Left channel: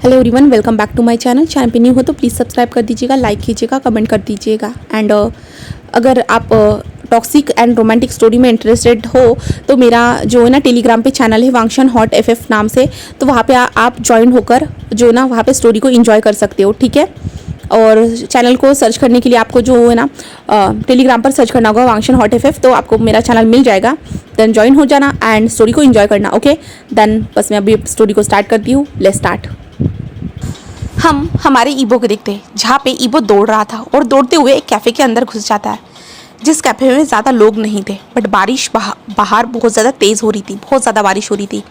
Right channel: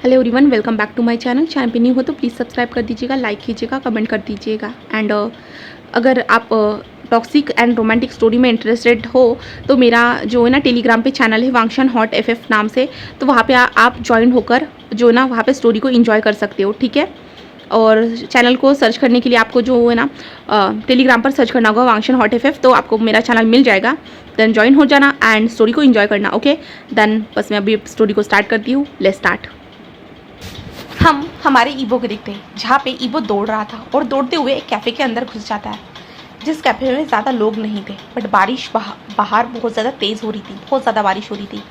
Hello everyone, welcome back to my channel पे new हो तो प्लीज़ सब्सक्राइब कर दीजिएगा, लाइक कीजिएगा, कमेंट कर दीजिएगा। एंड अगर आप टॉक्सिक एंड रोमांटिक स्टोरी में इंटरेस्टेड हो तो मेरा जो है ना टेलीग्राम पे चैनल है वांगशन हॉट एफएफ नाम से, तो वहाँ पे आप ज्वाइन होकर जो ना वहाँ पे स्टोरी को एंजॉय कर सकते हो, ठीक है। और चैनल को सर्च करने के लिए आपको जो है ना टेलीग्राम पर सर्च करना होगा वांगशन हॉट एफएफ, तो आपको मेरा चैनल मिल जाएगा। देन ज्वाइन हो जाना एंड स्टोरी को एंजॉय करना, ओके। देन बस मैं अभी स्टोरी को स्टार्ट करती हूँ। Let's start. हम हमारे ईबो को देखते हैं जहाँ पे ईबो दौड़ रहा था और दौड़ते हुए एक कैफ़े के अंदर घुस जाता है, जिस कैफ़े में ज़्यादा लोग नहीं थे, बट बारिश बाहर बहुत ज़्यादा तेज़ हो रही थी, बहुत ज़्यादा बारिश हो रही थी।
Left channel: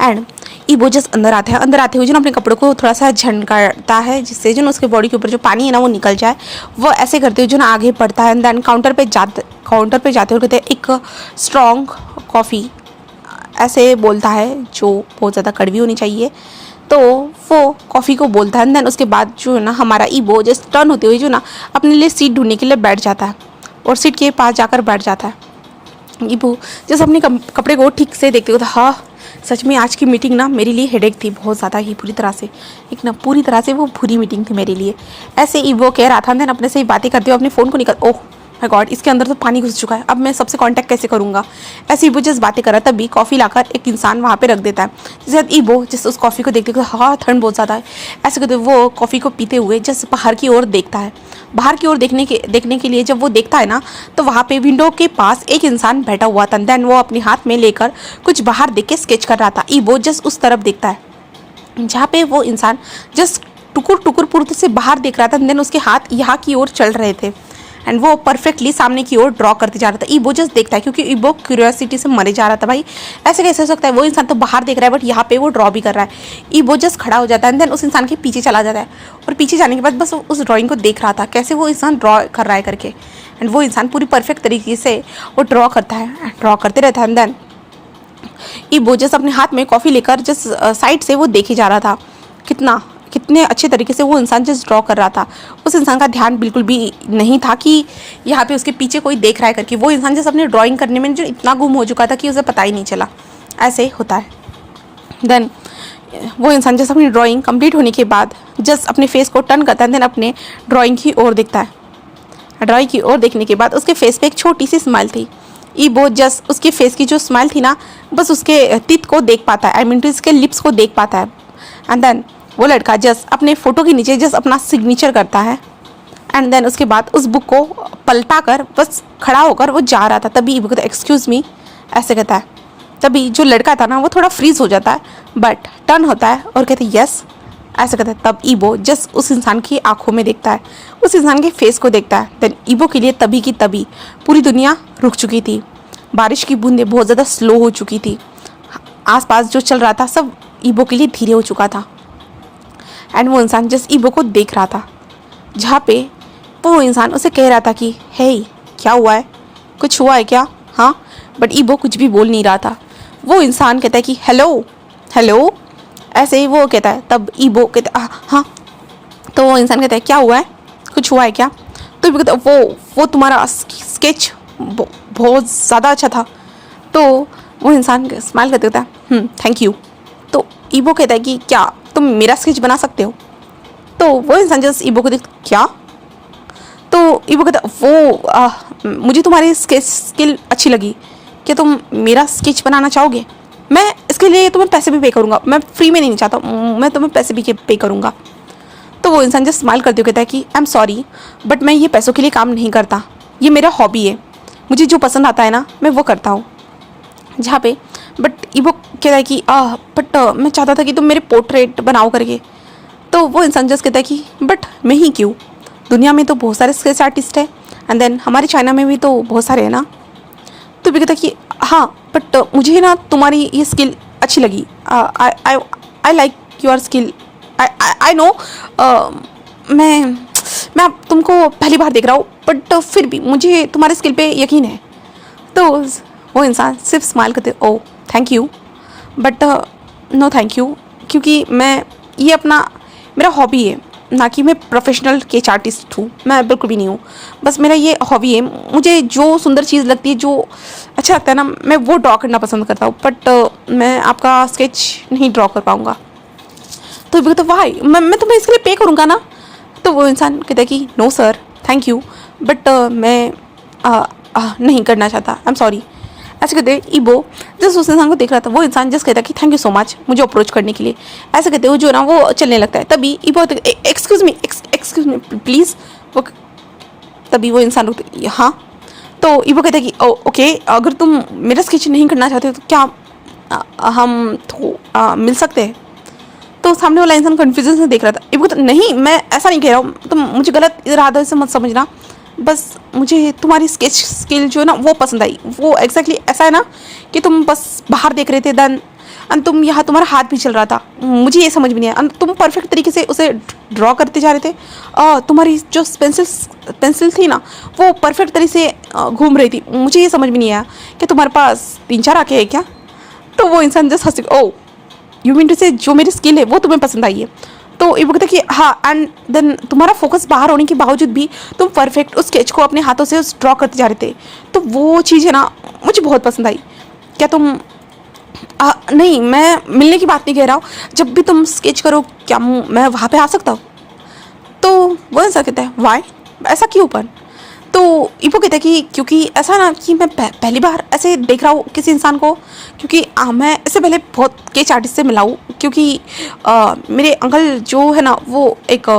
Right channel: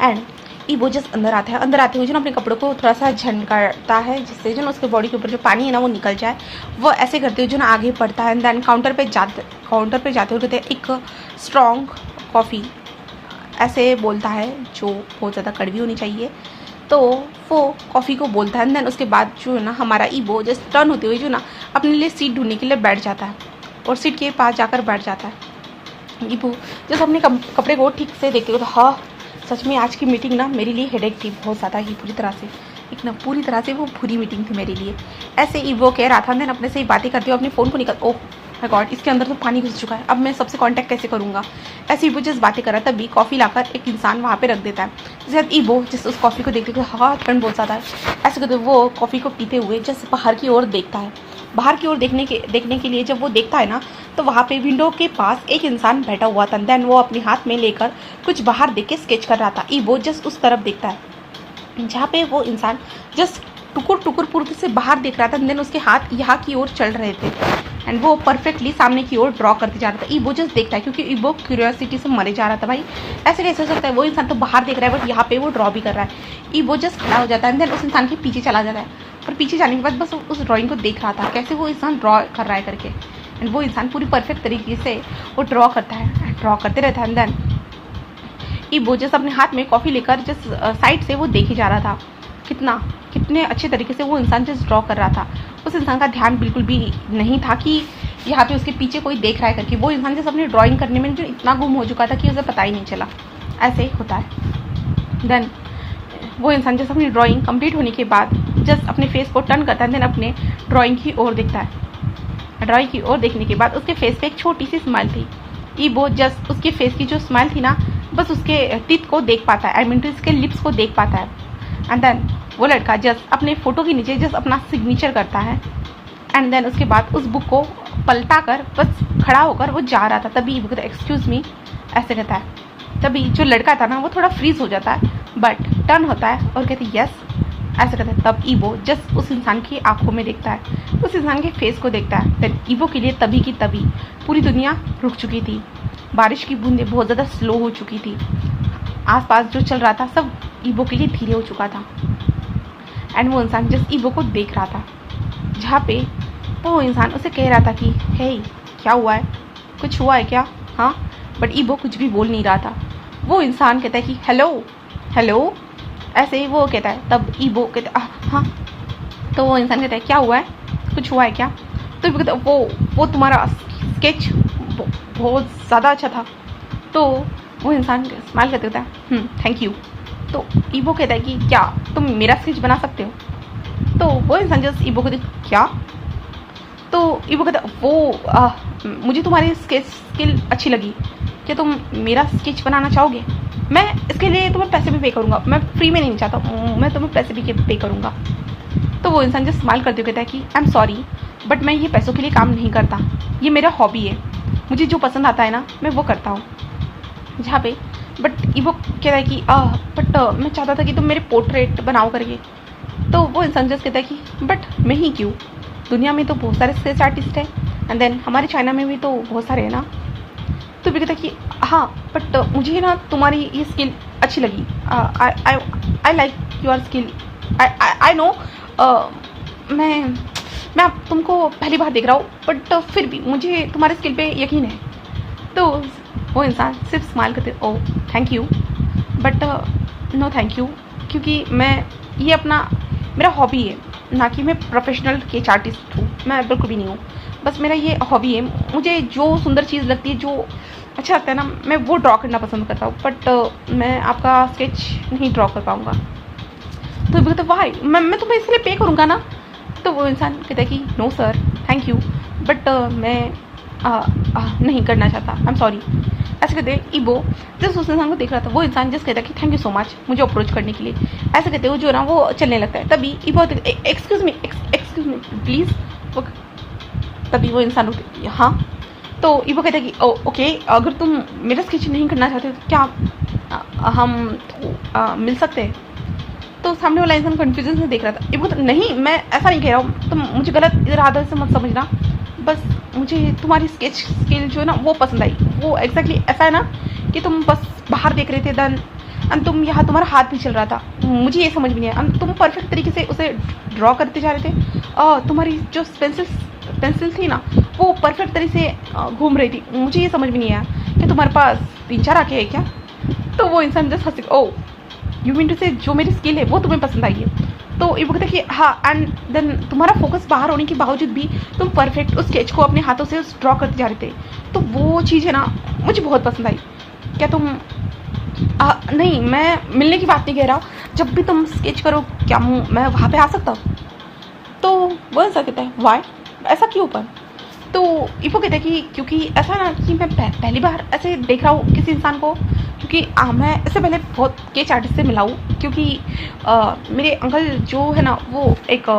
एंड ईबो जस्ट अंदर आता है, अंदर आते हुए जो अपने कपड़ों को थोड़ा सा झनकारता है, जिससे जो उसके बॉडी के ऊपर जो पानी है ना वो निकल जाए। वो ऐसे करते हुए जो ना आगे बढ़ता है। देन काउंटर पे जाते हुए कहते हैं एक स्ट्रॉन्ग कॉफ़ी, ऐसे बोलता है, जो बहुत ज़्यादा कड़वी होनी चाहिए। तो वो कॉफ़ी को बोलता है। देन उसके बाद जो है ना हमारा ईबो जस्ट टर्न होते हुए जो ना अपने लिए सीट ढूंढने के लिए बैठ जाता है और सीट के पास जाकर बैठ जाता है। ईबो जैसे अपने कपड़े को ठीक से देखते हुए, हाँ सच में आज की मीटिंग ना मेरे लिए हेडेक थी, बहुत ज़्यादा ही पूरी तरह से वो बुरी मीटिंग थी मेरे लिए, ऐसे ईबो कह रहा था। देन अपने से ही बातें करते हुए अपने फ़ोन को ओह माय गॉड, इसके अंदर तो पानी घुस चुका है, अब मैं सबसे कांटेक्ट कैसे करूँगा। ऐसे ईबो जस्ट बातें कर रहा, तभी कॉफ़ी लाकर एक इंसान वहाँ पे रख देता है। जैसे ईबो जस्ट उस कॉफ़ी को देखते हाँ ठंड बहुत ज़्यादा है, ऐसे करते वो कॉफ़ी को पीते हुए जस्ट बाहर की ओर देखता है। बाहर की ओर देखने के लिए जब वो देखता है ना, तो वहाँ पे विंडो के पास एक इंसान बैठा हुआ था। देन वो अपने हाथ में लेकर कुछ बाहर देख के स्केच कर रहा था। ईबो जस्ट उस तरफ देखता है जहाँ पे वो इंसान जस्ट टुकुर पुर्ते से बाहर देख रहा था। देन उसके हाथ यहाँ की ओर चल रहे थे एंड वो परफेक्टली सामने की ओर ड्रॉ करते जा रहा था। ईबो जस्ट देखता है, क्योंकि ईबो क्यूरियोसिटी से मरे जा रहा था, भाई ऐसे कैसे हो सकता है, वो इंसान तो बाहर देख रहा है बट यहाँ पे वो ड्रॉ भी कर रहा है। ईबो जस्ट खड़ा हो जाता है। देन उस इंसान के पीछे चला जाता है और पीछे जाने के बाद बस उस ड्राइंग को देख रहा था, कैसे वो इंसान ड्रॉ कर रहा है करके। एंड वो इंसान पूरी परफेक्ट तरीके से वो ड्रॉ करता है, ड्रॉ करते रहता है। देन ईबो जस्ट अपने हाथ में कॉफ़ी लेकर जस्ट साइड से वो देखे जा रहा था, कितने अच्छे तरीके से वो इंसान जस्ट ड्रॉ कर रहा था। उस इंसान का ध्यान बिल्कुल भी नहीं था कि यहाँ पे उसके पीछे कोई देख रहा है करके। वो इंसान जस्ट अपने ड्राइंग करने में जो इतना गुम हो चुका था कि उसे पता ही नहीं चला, ऐसे होता है। देन वो इंसान जस्ट अपनी ड्राइंग कंप्लीट होने के बाद जस्ट अपने फेस को टर्न करता है। देन अपने ड्राइंग की ओर देखता है। ड्राइंग की ओर देखने के बाद उसके फेस पे एक छोटी सी स्माइल थी। ईबो जस्ट उसके फेस की जो स्माइल थी ना, बस उसके टीथ को देख पाता है, आई मीन टू उसके लिप्स को देख पाता है। एंड देन वो लड़का जस्ट अपने फ़ोटो के नीचे जस्ट अपना सिग्नेचर करता है। एंड देन उसके बाद उस बुक को पलटा कर बस खड़ा होकर वो जा रहा था। तभी ईबो कहता है एक्सक्यूज़ मी, ऐसे कहता है। तभी जो लड़का था ना वो थोड़ा फ्रीज हो जाता है, बट टर्न होता है और कहते हैं यस, ऐसे कहता है। तब ईबो जस्ट उस इंसान की आंखों में देखता है, उस इंसान के फेस को देखता है। देन ईबो के लिए तभी की तभी पूरी दुनिया रुक चुकी थी, बारिश की बूंदें बहुत ज़्यादा स्लो हो चुकी थी, आसपास जो चल रहा था सब ईबो के लिए धीरे हो चुका था। एंड वो इंसान जस्ट ईबो को देख रहा था, जहाँ पे वो इंसान उसे कह रहा था कि हे क्या हुआ है, कुछ हुआ है क्या, हाँ। बट ईबो कुछ भी बोल नहीं रहा था। वो इंसान कहता है कि हेलो हेलो, ऐसे ही वो कहता है। तब ईबो कहता है हाँ। तो वो इंसान कहता है क्या हुआ है, कुछ हुआ है क्या। तो ईबो कहता है वो तुम्हारा स्केच बहुत ज़्यादा अच्छा था। तो वो इंसान स्माइल करते होता है थैंक यू। तो ईबो कहता है कि क्या तुम मेरा स्केच बना सकते हो। तो वो इंसान जस्ट ईबो को देख क्या। तो ईबो कहता है मुझे तुम्हारी स्केच स्किल अच्छी लगी, क्या तुम मेरा स्केच बनाना चाहोगे। मैं इसके लिए तुम्हें पैसे भी पे करूँगा, मैं फ्री में नहीं चाहता, मैं तुम्हें पैसे भी पे करूँगा। तो वो इंसान जस्ट स्माइल करते हुए कहता है कि आई एम सॉरी बट मैं ये पैसों के लिए काम नहीं करता, ये मेरा हॉबी है, मुझे जो पसंद आता है ना मैं वो करता हूँ। जहाँ पे बट ईबो कहता है कि बट मैं चाहता था कि तुम मेरे पोर्ट्रेट बनाओ करके। तो वो इंसान जस्ट कहता है कि बट मैं ही क्यों, दुनिया में तो बहुत सारे स्केच आर्टिस्ट हैं, एंड देन हमारे चाइना में भी तो बहुत सारे हैं ना। तो भी कहता है कि हाँ बट मुझे ना तुम्हारी ये स्किल अच्छी लगी, I like your skill, I know. मैं अब तुमको पहली बार देख रहा हूँ बट फिर भी मुझे तुम्हारे स्किल पे यकीन है। तो वो इंसान सिर्फ स्माइल करते oh thank you but no thank you, क्योंकि मैं ये अपना मेरा हॉबी है, ना कि मैं प्रोफेशनल स्केच आर्टिस्ट हूँ, मैं बिल्कुल भी नहीं हूँ। बस मेरा ये हॉबी है, मुझे जो सुंदर चीज़ लगती है, जो अच्छा लगता है ना, मैं वो ड्रॉ करना पसंद करता हूँ। बट मैं आपका स्केच नहीं ड्रॉ कर पाऊँगा। तो इबो कहता वाई, मैं तुम्हें इसके लिए पे करूँगा ना। तो वो इंसान कहता है कि no sir thank you, but मैं नहीं करना चाहता, आई एम सॉरी। ऐसे कहते ईबो जिस उस इंसान को देख रहा था, वो इंसान जस्ट कहता कि थैंक यू सो मच मुझे अप्रोच करने के लिए। ऐसे कहते वो जो ना वो चलने लगता है। तभी ईबो एक्सक्यूज़ मी प्लीज़। तभी वो इंसान रुकते हाँ। तो ईबो कहता कि ओके अगर तुम मेरा स्केच नहीं करना चाहते तो क्या हम तो मिल सकते हैं। तो सामने वाला इंसान कन्फ्यूजन से देख रहा था। ईबो कहता नहीं मैं ऐसा नहीं कह रहा हूँ, तुम मुझे गलत इरादे से मत समझना, बस मुझे तुम्हारी स्केच स्किल जो है ना वो पसंद आई। वो एग्जैक्टली ऐसा है ना कि तुम बस बाहर देख रहे थे देन एंड तुम यहाँ तुम्हारा हाथ भी चल रहा था, मुझे ये समझ में नहीं आया। तुम परफेक्ट तरीके से उसे ड्रॉ करते जा रहे थे, तुम्हारी जो पेंसिल थी ना वो परफेक्ट तरीके से घूम रही थी, मुझे ये समझ में नहीं आया कि तुम्हारे पास 3-4 आंखें हैं क्या। तो वो इंसान जस्ट हंसी, ओ यू मीन टू से जो मेरी स्किल है वो तुम्हें पसंद आई है। तो ये कहता कि हाँ एंड देन तुम्हारा फोकस बाहर होने के बावजूद भी तुम परफेक्ट उस स्केच को अपने हाथों से ड्रॉ करते जा रहे थे, तो वो चीज़ है ना मुझे बहुत पसंद आई। क्या तुम नहीं मैं मिलने की बात नहीं कह रहा हूँ, जब भी तुम स्केच करो क्या मैं वहाँ पे आ सकता हूँ। तो वो ऐसा कहता है वाई, ऐसा क्यों पर। तो ईपो कहता है कि क्योंकि ऐसा ना कि मैं पहली बार ऐसे देख रहा हूँ किसी इंसान को, क्योंकि मैं इससे पहले बहुत स्केच आर्टिस्ट से मिला हूँ, क्योंकि मेरे अंकल जो है ना वो एक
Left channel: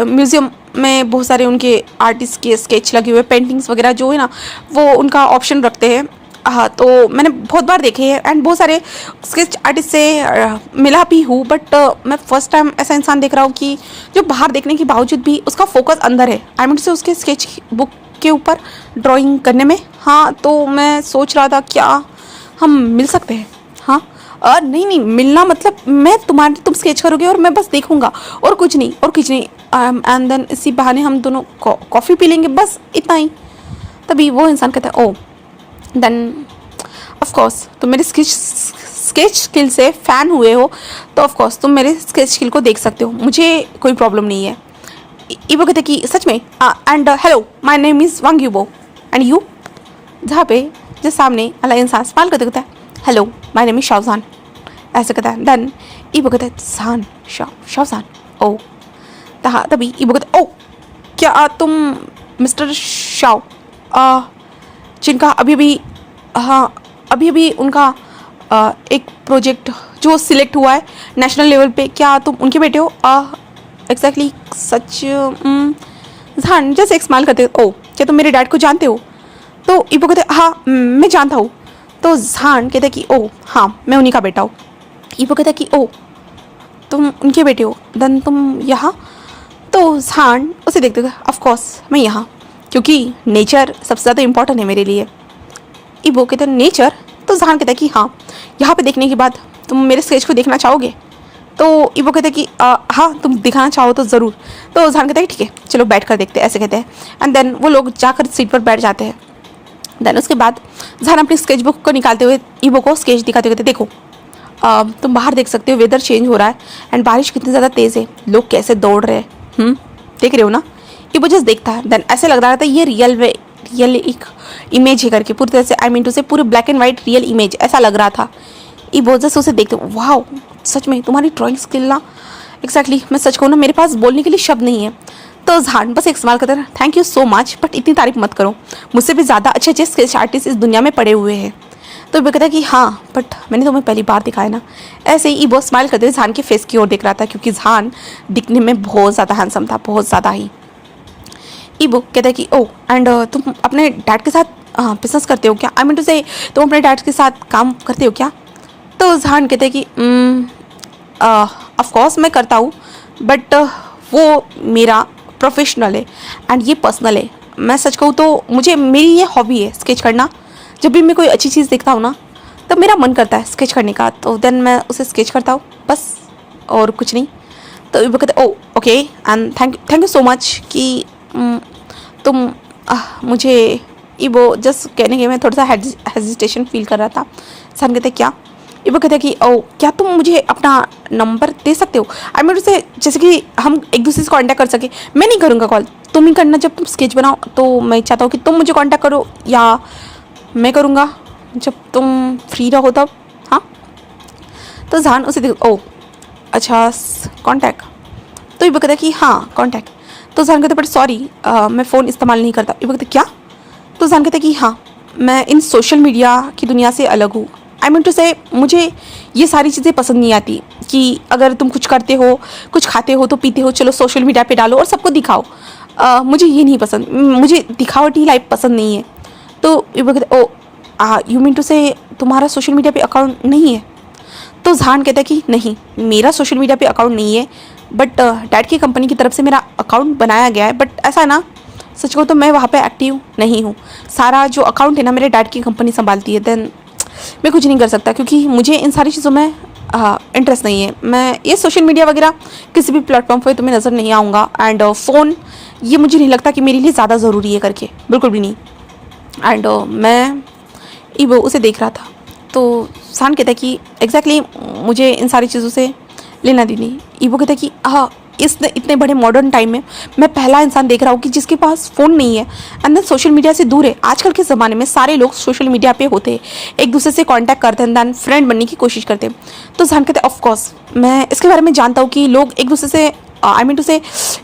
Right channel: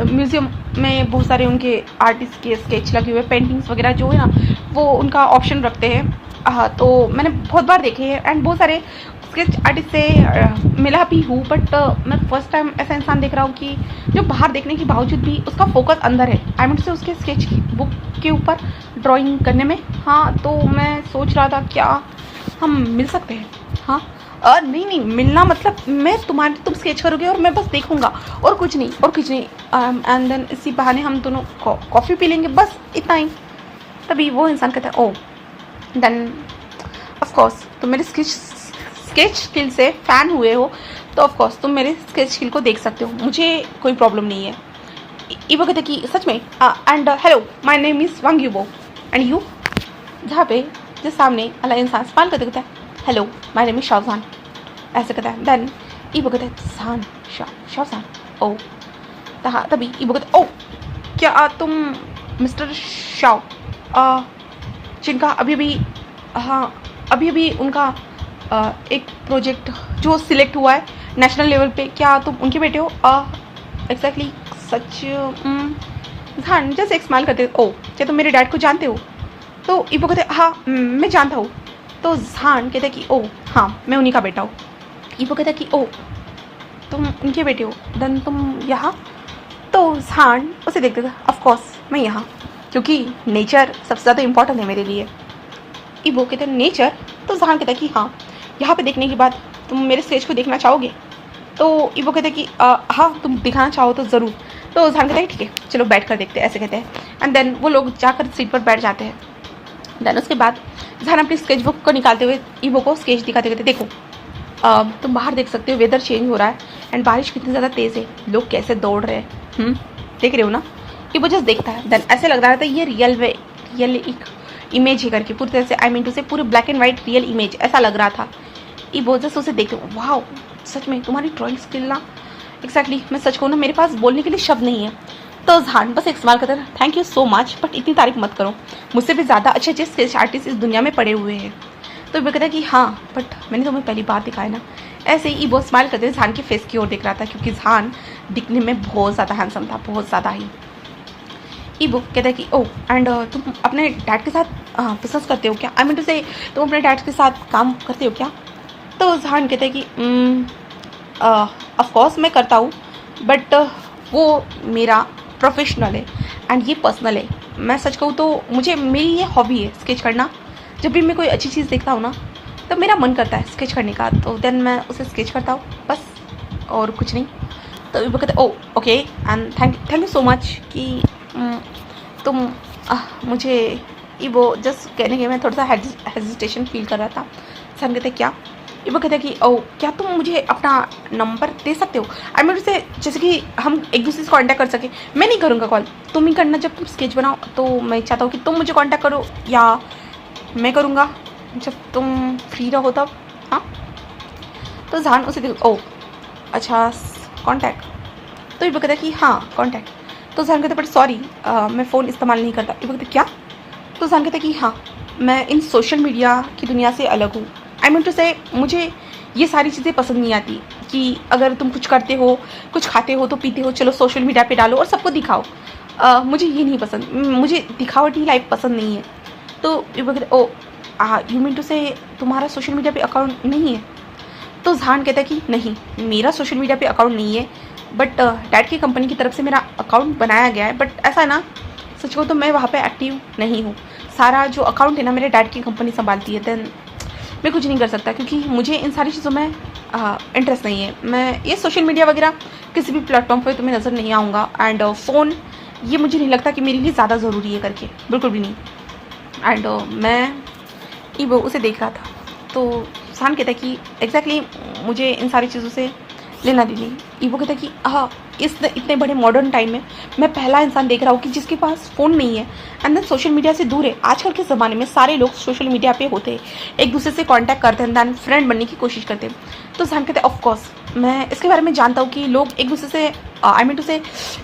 म्यूज़ियम में बहुत सारे उनके आर्टिस्ट के स्केच लगे हुए पेंटिंग्स वगैरह जो है ना वो उनका ऑप्शन रखते हैं। हाँ तो मैंने बहुत बार देखे हैं एंड बहुत सारे स्केच आर्टिस्ट से मिला भी हूँ, बट मैं फर्स्ट टाइम ऐसा इंसान देख रहा हूँ कि जो बाहर देखने के बावजूद भी उसका फोकस अंदर है, आई मीन से उसके स्केच बुक के ऊपर ड्राइंग करने में। हाँ तो मैं सोच रहा था क्या हम मिल सकते हैं। हाँ नहीं मिलना मतलब मैं तुम स्केच करोगे और मैं बस देखूंगा और कुछ नहीं एंड देन इसी बहाने हम दोनों कॉफ़ी पी लेंगे, बस इतना ही। तभी वो इंसान कहता है ओ देन ऑफकोर्स तुम मेरे स्केच स्किल से फ़ैन हुए हो तो ऑफकोर्स तुम मेरे स्केच स्किल को देख सकते हो, मुझे कोई प्रॉब्लम नहीं है। ईबो कहते कि सच में and hello my name is Wang Yubo and you. जहाँ पे जिस सामने वाला इंसान स्माइल करते कहता है hello my name is Shahjan, ऐसे कहता है। देन ईबो कहता है शान शाहजान ओ। तभी ईबो कहता है ओ क्या तुम मिस्टर शाह जिनका अभी उनका एक प्रोजेक्ट जो सिलेक्ट हुआ है नेशनल लेवल पे, क्या तुम उनके बेटे हो। एग्जैक्टली सच जान जैसे एक स्माइल करते ओ क्या तुम मेरे डैड को जानते हो। तो ईबो कहते हाँ मैं जानता हूँ। तो जान कहते कि ओ हाँ मैं उन्हीं का बेटा हूँ। ईबो कहता कि ओ तुम उनके बेटे हो देन तुम यहाँ। तो जान उसे देखते ऑफकोर्स मैं यहाँ, क्योंकि नेचर सबसे ज़्यादा इम्पोर्टेंट है मेरे लिए। ईबो कहते हैं नेचर। तो जहान कहता है कि हाँ यहाँ पे देखने के बाद तुम मेरे स्केच को देखना चाहोगे। तो ईबो कहते हैं कि हाँ तुम दिखाना चाहो तो ज़रूर। तो जहान कहता है ठीक है चलो बैठ कर देखते हैं, ऐसे कहते हैं। एंड देन वो लोग जाकर सीट पर बैठ जाते हैं। देन उसके बाद जहान अपनी स्केच बुक को निकालते हुए ईबो को स्केच दिखाते कहते देखो तुम बाहर देख सकते हो वेदर चेंज हो रहा है एंड बारिश कितनी ज़्यादा तेज़ है, लोग कैसे दौड़ रहे हैं, देख रहे हो ना। ईबो जस्ट देखता है देन ऐसे लग रहा था ये रियल एक इमेज है करके, पूरी तरह से आई मीन टू से पूरे black and white real image ऐसा लग रहा था। ईबो जस्ट उसे देखते वाह सच में तुम्हारी ड्राइंग स्किल ना एग्जैक्टली मैं सच कहूँ ना मेरे पास बोलने के लिए शब्द नहीं है। तो जहान बस एक सवाल करता है thank you so much but इतनी तारीफ मत करो, मुझसे भी ज़्यादा अच्छे अच्छे स्केच आर्टिस्ट इस दुनिया में पड़े हुए हैं। तो ईबो कहता है कि हाँ बट मैंने तुम्हें पहली बार दिखाया ना। ऐसे ही ईबो स्माइल करते हुए जहान के फेस की ओर देख रहा था, क्योंकि जहान दिखने में बहुत ज़्यादा हैंडसम था, बहुत ज़्यादा ही। ईबो कहता है कि ओ एंड तुम अपने डैड के साथ बिजनेस करते हो क्या, आई मीन टू से तुम अपने डैड के साथ काम करते हो क्या। तो जहान कहते हैं कि ऑफकोर्स मैं करता हूँ बट वो मेरा प्रोफेशनल है एंड ये पर्सनल है। मैं सच कहूँ तो मुझे मेरी ये हॉबी है स्केच करना। जब भी मैं कोई अच्छी चीज़ देखता हूँ ना तब मेरा मन करता है स्केच करने का, तो देन मैं उसे स्केच करता हूँ बस और कुछ नहीं। तो वो कहते oh okay and thank you so much कि तुम मुझे ईबो जस्ट कहने के मैं थोड़ा सा हेजिटेशन फील कर रहा था। सन कहते क्या। ईबो कहते कि ओ क्या तुम मुझे अपना नंबर दे सकते हो, आई मीन से जैसे कि हम एक दूसरे से कांटेक्ट कर सके। मैं नहीं करूँगा कॉल, तुम ही करना जब तुम स्केच बनाओ। तो मैं चाहता हूँ कि तुम मुझे कांटेक्ट करो या मैं करूँगा जब तुम फ्री रहो तब। हाँ तो जहान उसे देखो ओ अच्छा कॉन्टैक्ट। तो ईबो कहता है कि हाँ कॉन्टैक्ट। तो जहान कहता है बट सॉरी मैं फ़ोन इस्तेमाल नहीं करता। ईबो कहता है क्या? तो जहान कहता है कि हाँ मैं इन सोशल मीडिया की दुनिया से अलग हूँ। आई मीन टू से मुझे ये सारी चीज़ें पसंद नहीं आती कि अगर तुम कुछ करते हो, कुछ खाते हो तो पीते हो, चलो सोशल मीडिया पे डालो और सबको दिखाओ। मुझे ये नहीं पसंद, मुझे दिखावटी लाइफ पसंद नहीं है। तो ईबो कहता है ओ यू मीन टू से तुम्हारा सोशल मीडिया पे अकाउंट नहीं है? तो जहान कहता है कि नहीं मेरा सोशल मीडिया पे अकाउंट नहीं है, बट डैड की कंपनी की तरफ से मेरा अकाउंट बनाया गया है। बट ऐसा है ना, सच कहूँ तो मैं वहाँ पे एक्टिव नहीं हूँ। सारा जो अकाउंट है ना मेरे डैड की कंपनी संभालती है। देन मैं कुछ नहीं कर सकता क्योंकि मुझे इन सारी चीज़ों में इंटरेस्ट नहीं है। मैं ये सोशल मीडिया वगैरह किसी भी प्लेटफॉर्म पर तुम्हें नज़र नहीं आऊँगा। एंड फ़ोन ये मुझे नहीं लगता कि मेरे लिए ज़्यादा ज़रूरी है करके, बिल्कुल भी नहीं। एंड मैं ईबो उसे देख रहा था। तो जहान कहता है कि एग्जैक्टली मुझे इन सारी चीज़ों से लेना देनी। ईबो कहता है कि हाँ इस इतने बड़े मॉडर्न टाइम में मैं पहला इंसान देख रहा हूँ कि जिसके पास फ़ोन नहीं है एंड देन सोशल मीडिया से दूर है। आजकल के ज़माने में सारे लोग सोशल मीडिया पे होते हैं, एक दूसरे से कांटेक्ट करते हैं, दैन फ्रेंड बनने की कोशिश करते हैं। तो जहान कहते हैं ऑफकोर्स मैं इसके बारे में जानता हूँ कि लोग एक दूसरे से आई मीन टू से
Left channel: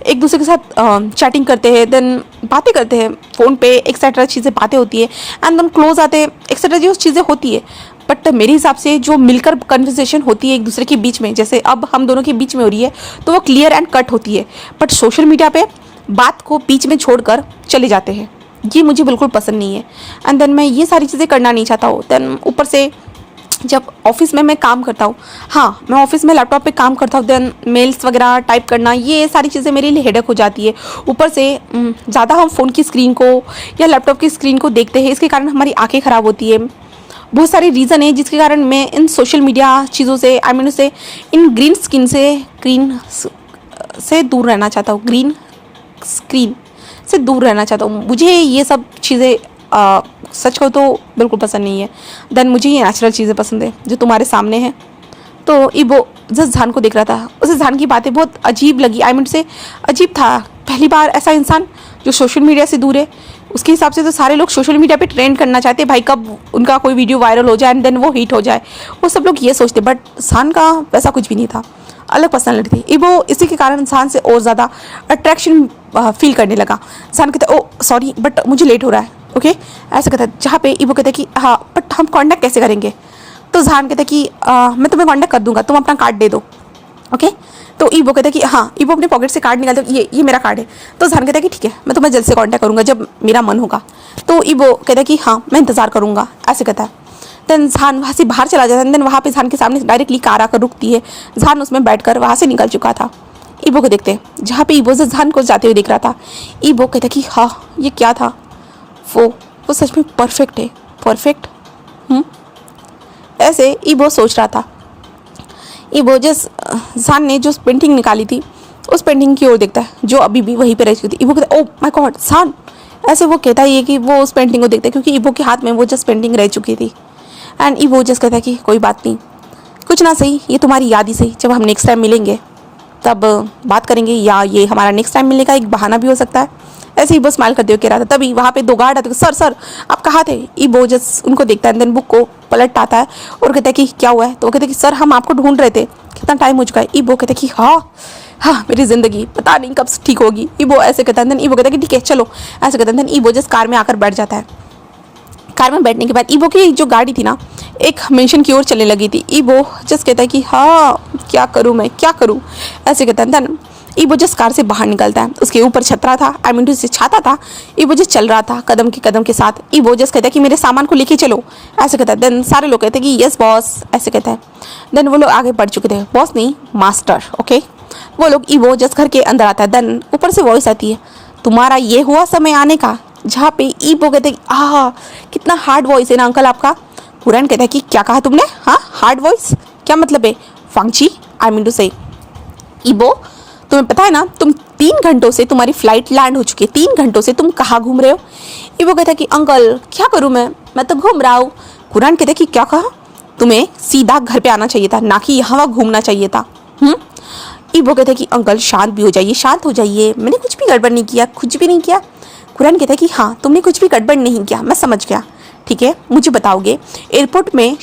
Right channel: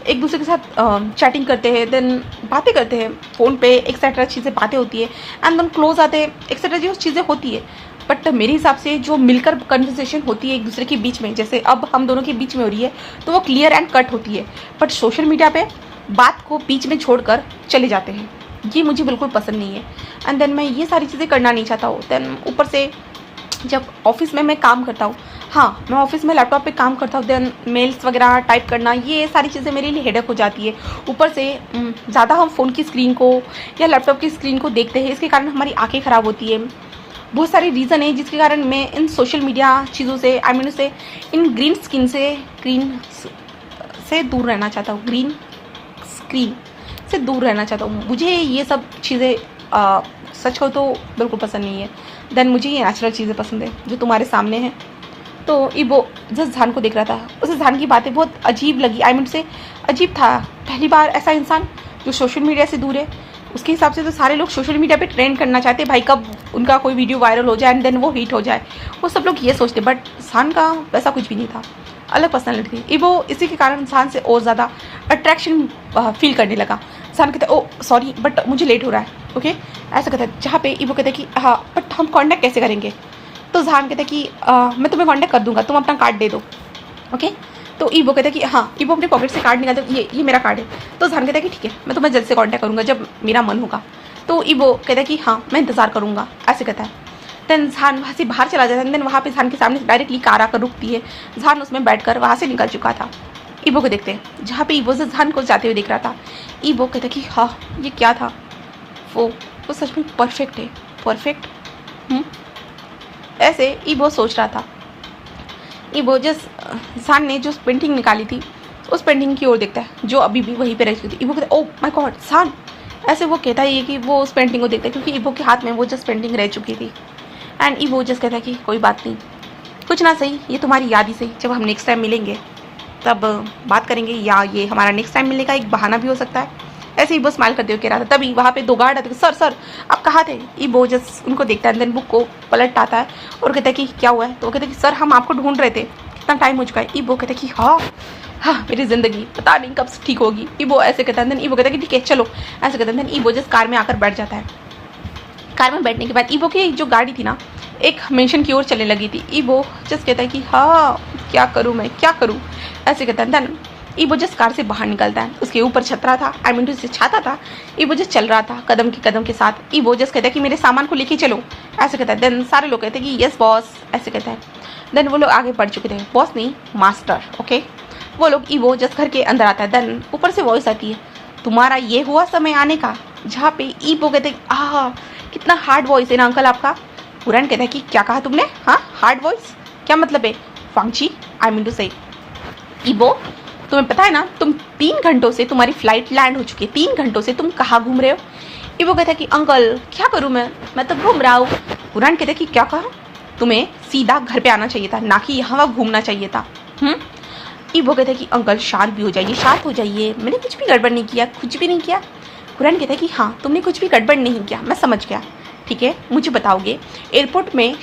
एक दूसरे के साथ चैटिंग करते हैं, देन बातें करते हैं फ़ोन पे एक्सेट्रा चीज़ें बातें होती है एंड देन क्लोज आते हैं एक्सेट्रा जो चीज़ें होती है। बट मेरे हिसाब से जो मिलकर कन्वर्सेशन होती है एक दूसरे के बीच में, जैसे अब हम दोनों के बीच में हो रही है, तो वो क्लियर एंड कट होती है। बट सोशल मीडिया पे बात को बीच में छोड़कर चले जाते हैं, ये मुझे बिल्कुल पसंद नहीं है। एंड देन मैं ये सारी चीज़ें करना नहीं चाहता हूँ। देन ऊपर से जब ऑफिस में मैं काम करता हूँ, हाँ मैं ऑफिस में लैपटॉप पे काम करता हूँ, देन मेल्स वगैरह टाइप करना ये सारी चीज़ें मेरे लिए हेडेक हो जाती है। ऊपर से ज़्यादा हम फ़ोन की स्क्रीन को या लैपटॉप की स्क्रीन को देखते हैं, इसके कारण हमारी आंखें ख़राब होती है। बहुत सारे रीज़न है जिसके कारण मैं इन सोशल मीडिया चीज़ों से आई मीन से इन ग्रीन से दूर रहना चाहता हूँ, ग्रीन स्क्रीन से दूर रहना चाहता हूँ। मुझे ये सब चीज़ें सच हो तो बिल्कुल पसंद नहीं है। देन मुझे ये नेचुरल चीज़ें पसंद है जो तुम्हारे सामने हैं। तो ईबो जस्ट जहान को देख रहा था, उसे जहान की बातें बहुत अजीब लगी। आई मीन से अजीब था, पहली बार ऐसा इंसान जो सोशल मीडिया से दूर है। उसके हिसाब से तो सारे लोग सोशल मीडिया पे ट्रेंड करना चाहते हैं भाई, कब उनका कोई वीडियो वायरल हो जाए एंड देन वो हिट हो जाए, वो सब लोग ये सोचते। बट जहान का वैसा कुछ भी नहीं था, अलग पर्सनैलिटी थी। ईबो इसी के कारण जहान से और ज़्यादा अट्रैक्शन फील करने लगा। जहान कहता ओ सॉरी बट मुझे लेट हो रहा है, ओके ऐसा कहता है। जहाँ पे ईबो कहता है कि हाँ बट हम कॉन्टैक्ट कैसे करेंगे? तो जहान कहता है कि मैं तुम्हें कॉन्टैक्ट कर दूंगा, तुम अपना कार्ड दे दो, ओके। तो ईबो कहता है कि हाँ, ईबो अपने पॉकेट से कार्ड निकालता है, ये मेरा कार्ड है। तो जहान कहता है कि ठीक है मैं तुम्हें जल्द से कॉन्टैक्ट करूँगा जब मेरा मन होगा। तो ईबो कहता है कि हाँ मैं इंतज़ार करूँगा, ऐसे कहता है। देन जहान वहाँ से बाहर चला जाता है। देन वहाँ पे जहान के सामने डायरेक्टली कार आकर रुकती है। जहान उसमें बैठकर वहाँ से निकल चुका था। ईबो को देखते हैं, जहाँ पे ईबो से जहान को जाते हुए देख रहा था। ईबो कहता है कि हाँ ये क्या था, वो सच में परफेक्ट है, परफेक्ट। ऐसे ईबो सोच रहा था। ईबो जहान ने जो पेंटिंग निकाली थी उस पेंटिंग की ओर देखता है जो अभी भी वहीं पे रह चुकी थी। ईबो कहता है ओ माय गॉड जहान, ऐसे वो कहता ही है कि वो उस पेंटिंग को देखता है क्योंकि ईबो के हाथ में वो जस्ट पेंटिंग रह चुकी थी। एंड ईबो जस्ट कहता है कि कोई बात नहीं, कुछ ना सही ये तुम्हारी याद ही सही, जब हम नेक्स्ट टाइम मिलेंगे तब बात करेंगे, या ये हमारा नेक्स्ट टाइम मिलने का एक बहाना भी हो सकता है। ऐसे ईबो स्माइल करते हुए कह रहा था। तभी वहाँ पे दो गार्ड आते, सर आप कहाँ थे? ईबो जस्ट उनको देखता है, देन बुक को पलट आता है और कहता है कि क्या हुआ है? तो वो कहते हैं कि सर हम आपको ढूंढ रहे थे, कितना टाइम हो चुका है। ईबो कहता है कि हाँ मेरी ज़िंदगी पता नहीं कब ठीक होगी। ईबो ऐसे कहता है। देन ईबो कहता है कि ठीक है चलो, ऐसे कहता है। देन ईबो जस्ट कार में आकर बैठ जाता है। कार में बैठने के बाद ईबो की जो गाड़ी थी ना एक मेंशन की ओर चलने लगी थी। ईबो जस्ट कहता है कि हाँ क्या करूँ मैं, क्या करूँ, ऐसे कहता है। देन ईबो जस्ट कार से बाहर निकलता है। उसके ऊपर छतरा था, आई मीन से छाता था। ईबो जस्ट चल रहा था कदम के साथ। ईबो जस्ट कहता है कि मेरे सामान को लेके चलो, ऐसे कहता है। देन सारे लोग कहते हैं कि यस बॉस, ऐसे कहता है। देन वो लोग आगे बढ़ चुके थे, बॉस नहीं मास्टर, ओके। वो लोग ईबो जस्ट घर के अंदर आता है। देन ऊपर से वॉइस आती है, तुम्हारा ये हुआ समय आने का। जहाँ पे ईबो कहते हैं कितना हार्ड वॉइस है ना अंकल आपका। हुरैन कहता है कि क्या कहा तुमने? हाँ हार्ड वॉइस, क्या मतलब है? फांगची आई मीन टू से ईबो तुम्हें पता है ना तुम 3 घंटों से तुम्हारी फ्लाइट लैंड हो चुकी है, 3 घंटों से तुम कहाँ घूम रहे हो? ईबो कहता है कि अंकल क्या करूँ मैं तो घूम रहा हूँ। हुरैन कहता है कि क्या कहा? तुम्हें सीधा घर पे आना चाहिए था, ना कि यहाँ वहाँ घूमना चाहिए था। ईबो कहता है कि अंकल शांत भी हो जाइए, शांत हो जाइए, मैंने कुछ भी गड़बड़ नहीं किया, कुछ भी नहीं किया। हुरैन कहता है कि हाँ तुमने कुछ भी गड़बड़ नहीं किया, मैं समझ गया, ठीक है मुझे बताओगे एयरपोर्ट में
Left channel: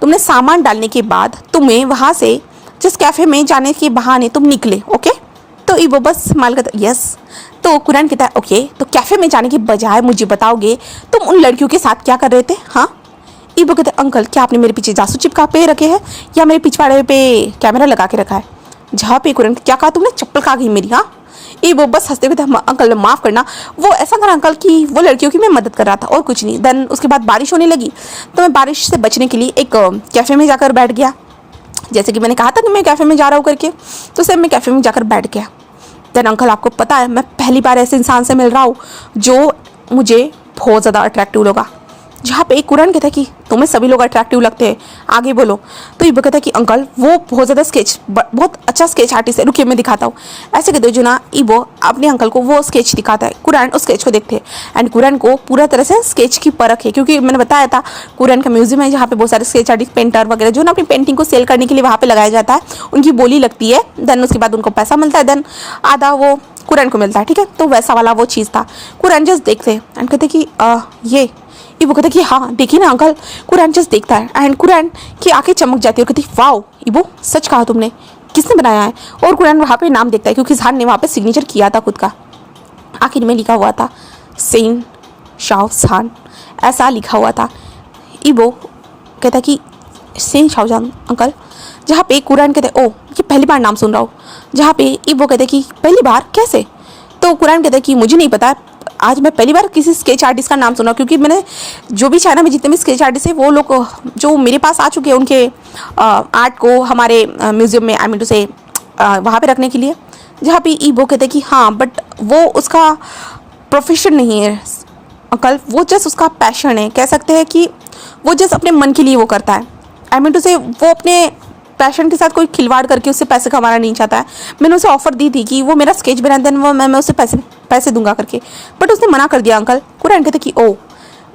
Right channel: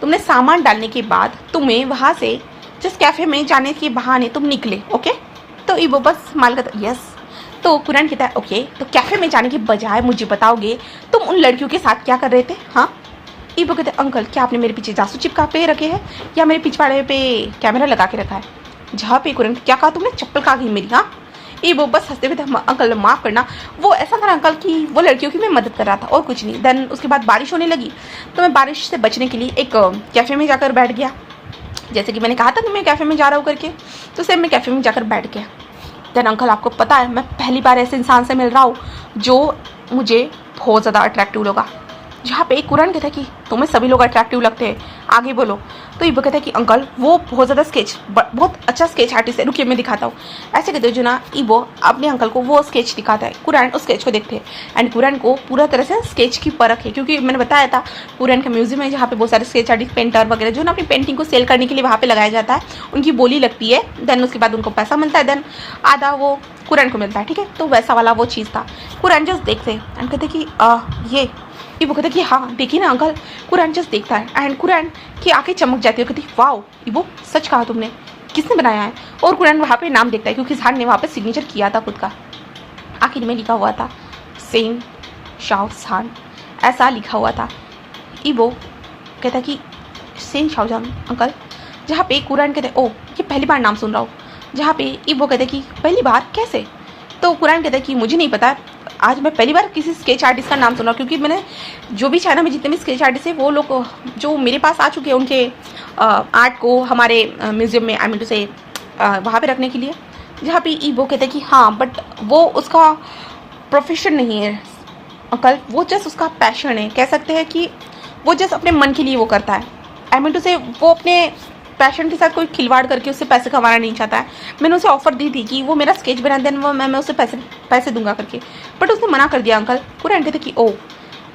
तुमने सामान डालने के बाद तुम्हें वहाँ से जिस कैफ़े में जाने के बहाने तुम निकले, ओके। तो ईबो बस स्माइल करता, यस। तो कुरैन कहता है ओके, तो कैफ़े में जाने के बजाय मुझे बताओगे तुम उन लड़कियों के साथ क्या कर रहे थे, हाँ। ईबो कहते हैं अंकल क्या आपने मेरे पीछे जासूस चिपका पे रखे हैं या मेरे पिछवाड़े पे कैमरा लगा के रखा है। जहाँ पे कुरैन क्या कहा तुमने, चप्पल खा गई मेरी, हाँ। ईबो बस हंसते हुए था, अंकल माफ़ करना, वो ऐसा था अंकल कि वो लड़कियों की मैं मदद कर रहा था और कुछ नहीं। देन उसके बाद बारिश होने लगी तो मैं बारिश से बचने के लिए एक कैफ़े में जाकर बैठ गया, जैसे कि मैंने कहा था कि मैं कैफ़े में जा रहा हूँ करके, तो सेम मैं कैफ़े में जाकर बैठ गया। देन अंकल आपको पता है मैं पहली बार ऐसे इंसान से मिल रहा हूँ जो मुझे बहुत ज़्यादा अट्रैक्टिव लगा। जहाँ पे कुरैन कहता है कि तुम्हें सभी लोग अट्रैक्टिव लगते हैं, आगे बोलो। तो ईबो कहता है कि अंकल वो बहुत ज़्यादा बहुत अच्छा स्केच आर्टिस्ट है, रुकिए मैं दिखाता हूँ। ऐसे कहते जो ना ईबो अपने अंकल को वो स्केच दिखाता है, कुरैन उस स्केच को देखते हैं एंड कुरैन को पूरा तरह से स्केच की परख है, क्योंकि मैंने बताया था कुरैन का म्यूजियम है जहाँ पे बहुत सारे स्केच आर्टिस्ट, पेंटर वगैरह जो ना अपनी पेंटिंग को सेल करने के लिए वहाँ पे लगाया जाता है, उनकी बोली लगती है। देन उसके बाद उनको पैसा मिलता है, देन आधा वो कुरैन को मिलता है, ठीक है। तो वैसा वाला वो चीज़ था। कुरैन जस्ट देखते एंड कहते कि ये ईबो कहता कि हाँ देखिए ना अंकल। कुरैन जस्ट देखता है एंड कुरैन की आंखें चमक जाती है और कहती वाओ ईबो सच कहा तुमने, किसने बनाया है। और कुरैन वहाँ पे नाम देखता है क्योंकि जहान ने वहाँ पे सिग्नेचर किया था खुद का, आखिर में लिखा हुआ था सेन शाहजहान, ऐसा लिखा हुआ था। ईबो कहता कि सेन शाहजहान अंकल, जहाँ पे कुरैन कहते ओ ये पहली बार नाम सुन रहा हूँ, जहाँ पे ईबो कहते कि पहली बार कैसे। तो कुरैन कहता कि मुझे नहीं पता, आज मैं पहली बार किसी स्केच आर्टिस्ट का नाम सुना, क्योंकि मैंने जो भी चाइना में जितने भी स्केच आर्टिस्ट हैं वो लोग जो मेरे पास आ चुके हैं उनके आर्ट को हमारे म्यूजियम में, आई मीन टू से वहाँ पे रखने के लिए। जहाँ पे ईबो कहते कि हाँ बट वो उसका प्रोफेशन नहीं है अंकल, वो जस्ट उसका पैशन है, कह सकते हैं कि वो जस्ट अपने मन के लिए वो करता है। आई मीन टू से वो अपने पैशन के साथ कोई खिलवाड़ करके उससे पैसे कमाना नहीं चाहता है। मैंने उसे ऑफर दी थी कि वो मेरा स्केच बना देन वो मैं उसे पैसे दूंगा करके, बट उसने मना कर दिया अंकल। कुरैन कहते कि ओ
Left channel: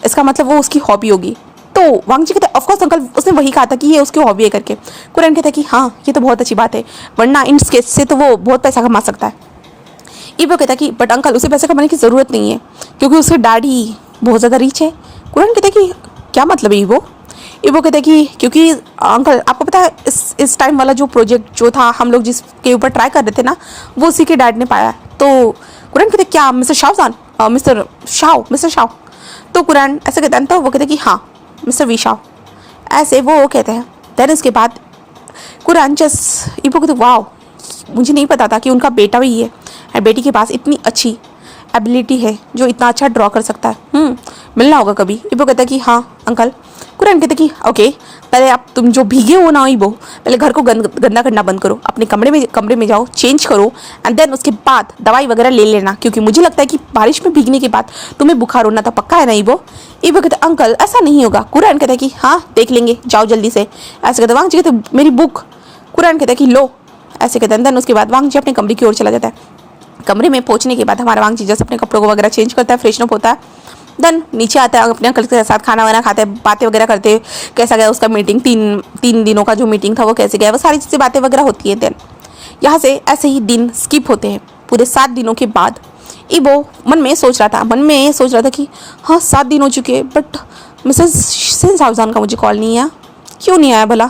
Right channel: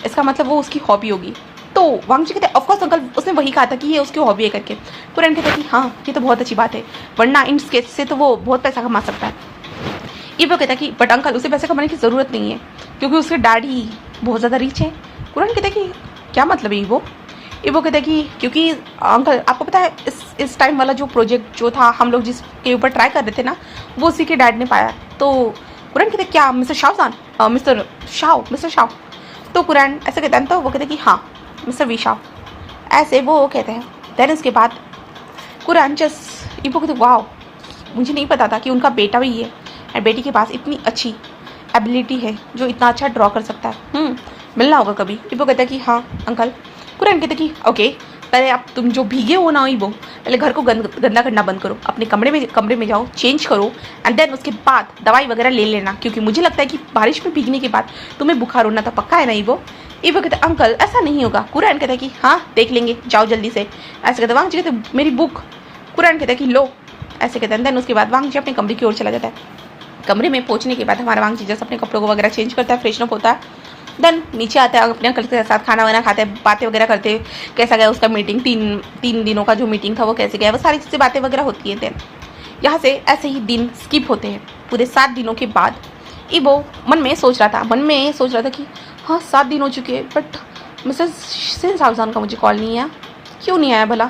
इसका मतलब वो उसकी हॉबी होगी। तो वांग जी कहते ऑफकोर्स अंकल, उसने वही कहा था कि ये उसकी हॉबी है करके। कुरैन कहते कि हाँ ये तो बहुत अच्छी बात है, वरना इन स्केच से तो वो बहुत पैसा कमा सकता है। ईबो कहता कि बट अंकल उसे पैसे कमाने की ज़रूरत नहीं है क्योंकि उसके डैडी बहुत ज़्यादा रिच है। कुरैन कहते कि क्या मतलब है ईबो कहते हैं कि क्योंकि अंकल आपको पता है इस टाइम वाला जो प्रोजेक्ट जो था हम लोग जिसके ऊपर ट्राई कर रहे थे ना, वो उसी के डैड ने पाया। तो कुरैन कहते क्या मिस्टर शाहजान, मिस्टर शाह। तो कुरैन ऐसे कहते हैं, तो वो कहते कि हाँ मिस्टर वी शाह, ऐसे वो कहते हैं। देन इसके बाद कुरैन जस्ट ईबो कहते वाह मुझे नहीं पता था कि उनका बेटा भी है और बेटी के पास इतनी अच्छी एबिलिटी है जो इतना अच्छा ड्रॉ कर सकता है, मिलना होगा कभी। ईबो कहता है कि हाँ अंकल। कुरैन कहते कि ओके पहले आप तुम जो भीगे हो ना ईबो, पहले घर को गंदा करना बंद करो, अपने कमरे में जाओ, चेंज करो एंड देन उसके बाद दवाई वगैरह ले लेना, क्योंकि मुझे लगता है कि बारिश में भीगने के बाद तुम्हें बुखार होना था, पक्का है ना ईबो। ईबो कहते अंकल ऐसा नहीं होगा। कुरैन कहता है कि हाँ देख लेंगे, जाओ जल्दी से। ऐसे कहते वांग जी कहते मेरी बुक। कुरैन कहता है कि लो, ऐसे कहते हैं। देन उसके बाद वांग जी अपने कमरे की ओर चला जाता है। कमरे में पहुंचने के बाद हमारा वांग जी जैसे अपने कपड़ों को वगैरह चेंज करता है, फ्रेशन अप होता है। देन नीचे आता है, अपने अंकल के साथ खाना वाना खाते हैं, बातें वगैरह करते हैं, कैसा गया उसका मीटिंग, तीन दिनों का जो मीटिंग था वो कैसे गया, वो सारी चीज़ें बातें वगैरह होती है। देन यहाँ से ऐसे ही दिन स्किप होते हैं। पूरे 7 दिनों के बाद ईबो मन में सोच रहा था कि हाँ 7 दिन हो चुके हैं बट मिसेस सेन शाहजहान का मुझे कॉल नहीं आया, क्यों नहीं आया भला।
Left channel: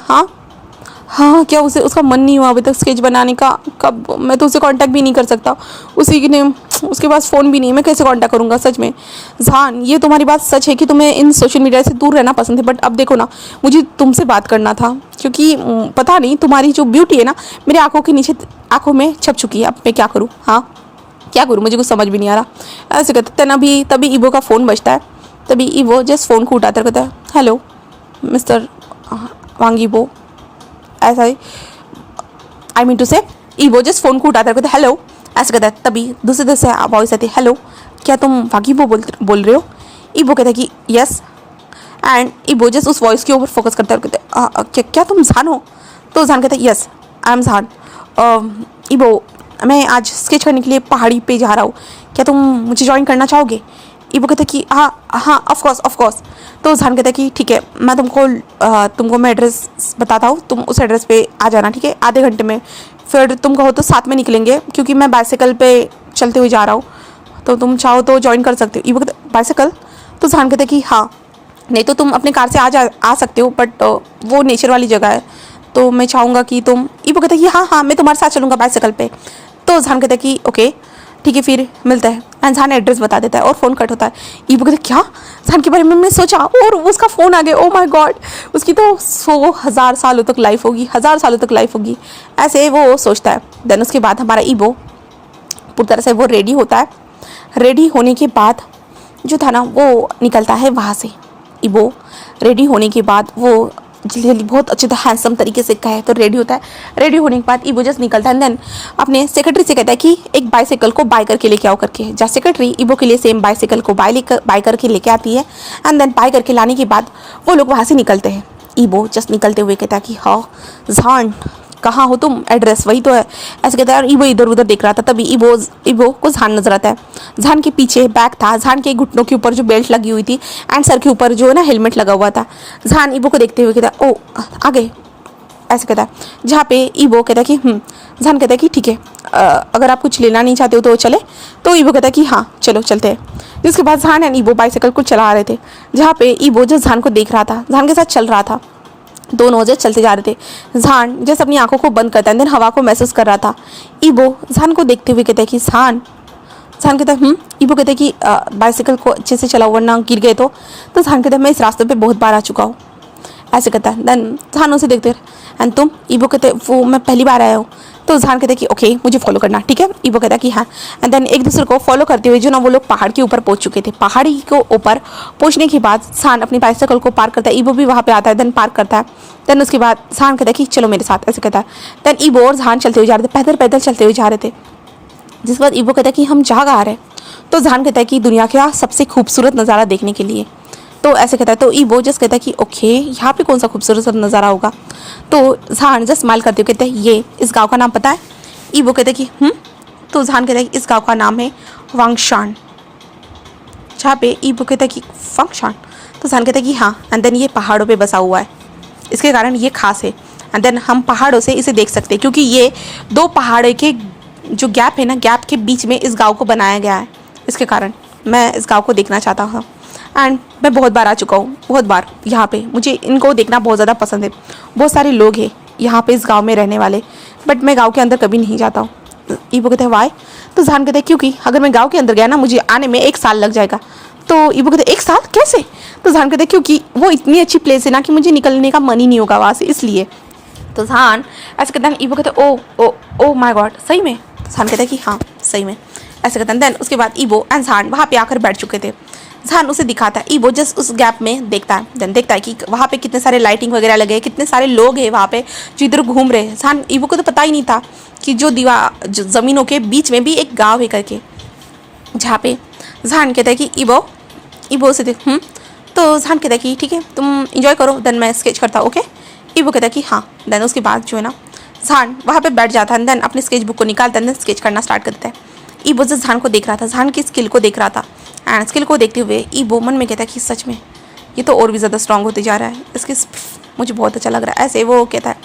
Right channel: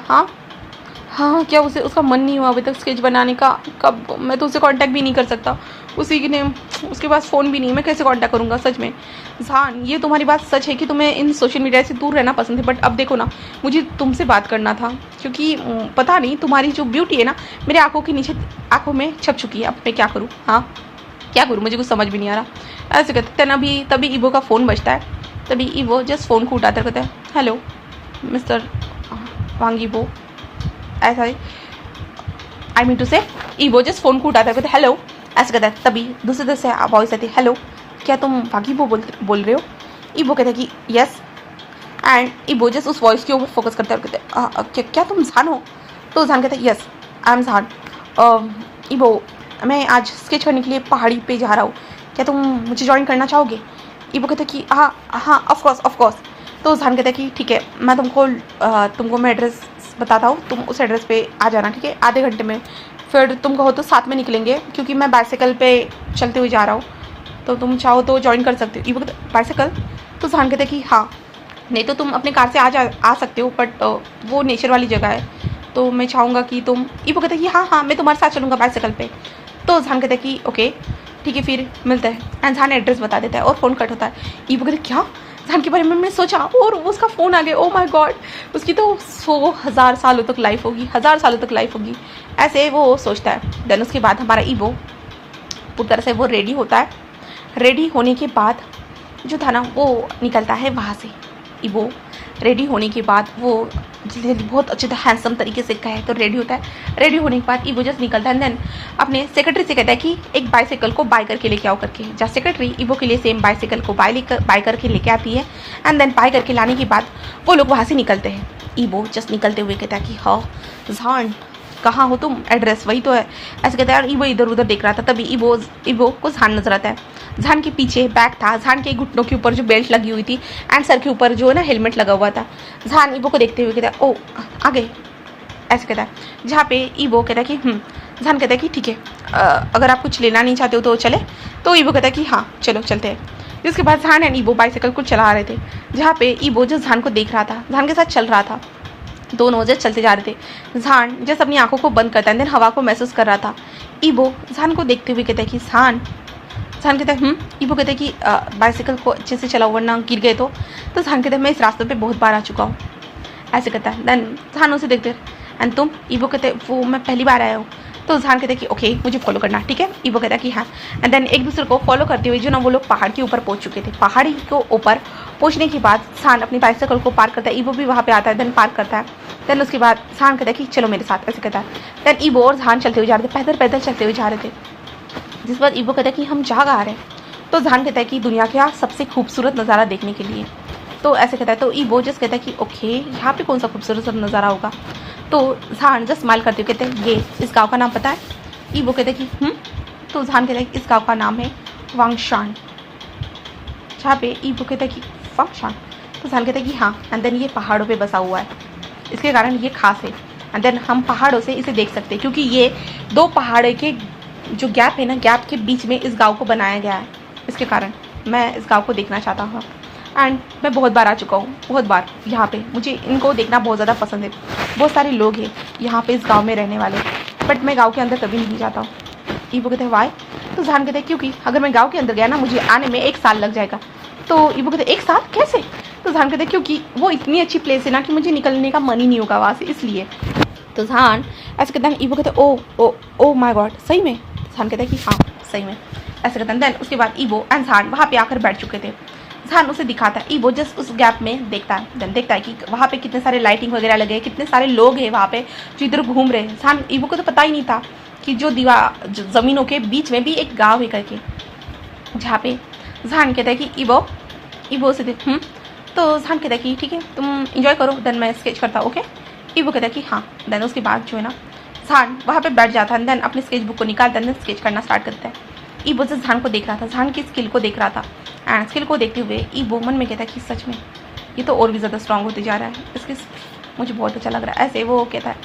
हाँ क्या उसका मन नहीं हुआ अभी तक स्केच बनाने का, कब मैं तो उसे कांटेक्ट भी नहीं कर सकता, उसी ने उसके पास फ़ोन भी नहीं है, मैं कैसे कांटेक्ट करूँगा। सच में जहान ये तुम्हारी बात सच है कि तुम्हें इन सोशल मीडिया से दूर रहना पसंद है, बट अब देखो ना मुझे तुमसे बात करना था, क्योंकि पता नहीं तुम्हारी जो ब्यूटी है ना मेरे आँखों के नीचे आँखों में छप चुकी है। अब मैं क्या करूँ, क्या करूँ, मुझे कुछ समझ भी नहीं आ रहा। ऐसे कहते हैं तभी ईबो का फ़ोन बजता है। तभी ईबो जस्ट फ़ोन को उठाकर कहता है हेलो मिस्टर वांग ईबो, ऐसा ही आई मीन टू से ईबो जस्ट फ़ोन को उठाता कहते हेलो, ऐसे कहता है। तभी दूसरे से वॉइस आती है हेलो क्या तुम वांगीबो बोल रहे हो। ईबो कहता है कि यस एंड ईबो जस्ट उस वॉइस के ऊपर फोकस करता है और कहते क्या तुम जहान हो। तो जहान कहता है यस आई एम जहान। ईबो मैं आज स्केच करने के लिए पहाड़ी पे जा रहा हूँ, क्या तुम मुझे ज्वाइन करना चाहोगे। ईबो कहता है कि हाँ ऑफ कोर्स। तो जहान कहता है कि ठीक है मैं तुमको मैं एड्रेस बताता हूँ, तुम उस एड्रेस पे आ जाना, ठीक है आधे घंटे में। फिर तुम कहो तो साथ में निकलेंगे, क्योंकि मैं बाइसाइकिल पे चलते हुए जा रहा हूँ, तो तुम चाहो तो ज्वाइन कर सकते हो। ईबो कहता बाइसाइकिल। तो जहान कहता है कि हाँ नहीं तो तुम अपने कार से आ सकते हो, बट वो नेचर वाली जगह है, तो मैं चाहूँगा कि तुम, ईबो कहता है कि हाँ हाँ मैं तुम्हारे साथ चलूँगा बाइसाइकिल पे। तो जहान कहता है कि ओके ठीक है फिर मिलते हैं। एंड जहान एड्रेस बता देता है और फ़ोन कट होता है। ईबो कहता है क्या, जहान के बारे में मैं सोचा और उसका फ़ोन आ गया, ओ माय गॉड, उसकी तो 100,000 सालों तक लाइफ होगी, 1000 सालों तक लाइफ होगी, ऐसे वो सोचता है। देन उसके बाद हमारा ईबो पूरी तरह से वो रेडी होता है। रेडी होने के बाद जो था ना वो निकलता है वहाँ से। ईबो रेडी होने के बाद वो जल्दी जल्दी बहुत अच्छे से हैंडसम तरीके से कहे तो रेडी होता है। रेडी होने के बाद ईबो जस्ट निकलता है। देन अपने सेक्रेटरी से कहता है कि एक बाइसाइकिल को बाय करके लेके आओ करके। जहाँ सेक्रेटरी ईबो के लिए सेम बाइसाइकिल को बाय करके लेके आती है। एंड देन बाय करके लाने के बाद वो लोग वहाँ से निकलते हैं। ईबो जस्ट निकलते हुए कहता है कि हाँ जहान कहाँ हो तुम, एड्रेस वही तो है, ऐसे कहता है। और ईबो इधर उधर देख रहा था, तभी ईबो को जहान नजर आता है। जहान के पीछे बैग था, जहान के घुटनों के ऊपर जो बेल्ट लगी हुई थी एंड सर के ऊपर जो है ना हेलमेट लगा हुआ था। जहान ईबो को देखते हुए कहता है ओ आ गए, ऐसे कहता है। जहाँ पे ईबो कहता है कि जहान कहता है कि ठीक है अगर आप कुछ लेना नहीं चाहते हो तो चले। तो ईबो कहता है कि हाँ चलो चलते हैं। जिसके बाद जहान एंड ईबो बाइसाइकिल को चला रहे थे। जहाँ पे ईबो जो जहान को देख रहा था, जहान के साथ चल रहा था, दोनों जैसे चलते जा रहे थे। जहान जैसे अपनी आंखों को बंद करता है, देन हवा को महसूस कर रहा था। ईबो जहान को देखते हुए कहता है कि जहान कहता है ईबो कहता है कि बाइसाइकिल को अच्छे से चलाओ वरना गिर गए तो जहान कहता है मैं इस रास्ते पे बहुत बार आ चुका हूँ, ऐसे कहता है। देन जहान उसे देखते एंड तुम, ईबो कहते हैं वो मैं पहली बार आया हूँ। तो जहान कहता है कि ओके मुझे फॉलो करना, ठीक है। ईबो कहता है कि हाँ। एंड देन एक दूसरे को फॉलो करते हुए जो ना वो लोग पहाड़ के ऊपर पहुंच चुके थे। पहाड़ी को ऊपर पहुंचने के बाद जहान अपनी बाइसाइकिल को पार्क करता है। ईबो भी वहाँ पे आता है, देन पार्क करता है। देन उसके बाद जहान कहता है कि चलो मेरे साथ, ऐसे कहता है। देन ईबो और जहान चलते हुए जा रहे थे, पैदल पैदल चलते हुए जा रहे थे। जिस बाद ईबो कहता है कि हम जहाँ आ रहे हैं। तो जहान कहता है कि दुनिया का सबसे खूबसूरत नज़ारा देखने के लिए। तो ऐसे कहता है। तो ईबो जस्ट कहता है कि ओके यहाँ पे कौन सा खूबसूरत नज़ारा होगा। तो जहान जस्ट स्माइल करते हुए कहते हैं ये इस गांव का नाम पता है। ईबो कहता है कि तो जहान कहता है कि इस गांव का नाम है वांगशान। जहाँ पे ईबो कहता है कि वांगशान। तो जहान कहता है कि हाँ। एंड देन ये पहाड़ों पे बसा हुआ है, इसके कारण ये खास है। एंड देन हम पहाड़ों से इसे देख सकते हैं क्योंकि ये दो पहाड़ों के जो गैप है ना, गैप के बीच में इस गाँव को बनाया गया है। इसके कारण मैं इस गाँव को देखना चाहता हूँ। एंड मैं बहुत बार आ चुका हूँ, बहुत बार यहाँ पे, मुझे इनको देखना बहुत ज़्यादा पसंद है। बहुत सारे लोग हैं यहाँ पे इस गांव में रहने वाले, बट मैं गांव के अंदर कभी नहीं जाता हूँ। ईबो कहते हैं वाई। तो जहान कहते हैं क्योंकि अगर मैं गांव के अंदर गया ना मुझे आने में 1 साल लग जाएगा। तो ईबो कहते हैं 1 साल कैसे। तो जहान कहते हैं क्योंकि वो इतनी अच्छी प्लेस है ना कि मुझे निकलने का मन ही नहीं होगा वहाँ से, इसलिए। तो जहान ऐसे कहते हैं। ईबो कहते हैं ओ माई गॉड सही में। तो जहान कहते हैं कि हाँ सही में, ऐसे कहते हैं। देन उसके बाद ईबो एंड जहान वहाँ पे आकर बैठ चुके थे। जहान उसे दिखाता है। ईबो जस्ट उस गैप में देखता है। देन देखता है कि वहाँ पे कितने सारे लाइटिंग वगैरह लगे हैं, कितने सारे लोग हैं वहाँ पे जो इधर घूम रहे हैं। जहान ईबो को तो पता ही नहीं था कि जो ज़मीनों के बीच में भी एक गांव है करके। जहाँ पे जहान कहता है कि ईबो उसे देख तो जहान कहता है कि ठीक है तुम इंजॉय करो, देन मैं स्केच करता हूँ, ओके। ईबो कहता है कि हाँ। देन उसके बाद जो है ना जहान वहाँ पे बैठ जाता है। देन अपनी स्केच बुक को निकालता है, देन स्केच करना स्टार्ट करता है। ईबो जस्ट जहान को देख रहा था, जहान की स्किल को देख रहा था। एंड स्किल को देखते हुए ईबो मन में कहता है कि सच में ये तो और भी ज़्यादा स्ट्रांग होते जा रहा है, इसके मुझे बहुत अच्छा लग रहा है, ऐसे वो कहता है।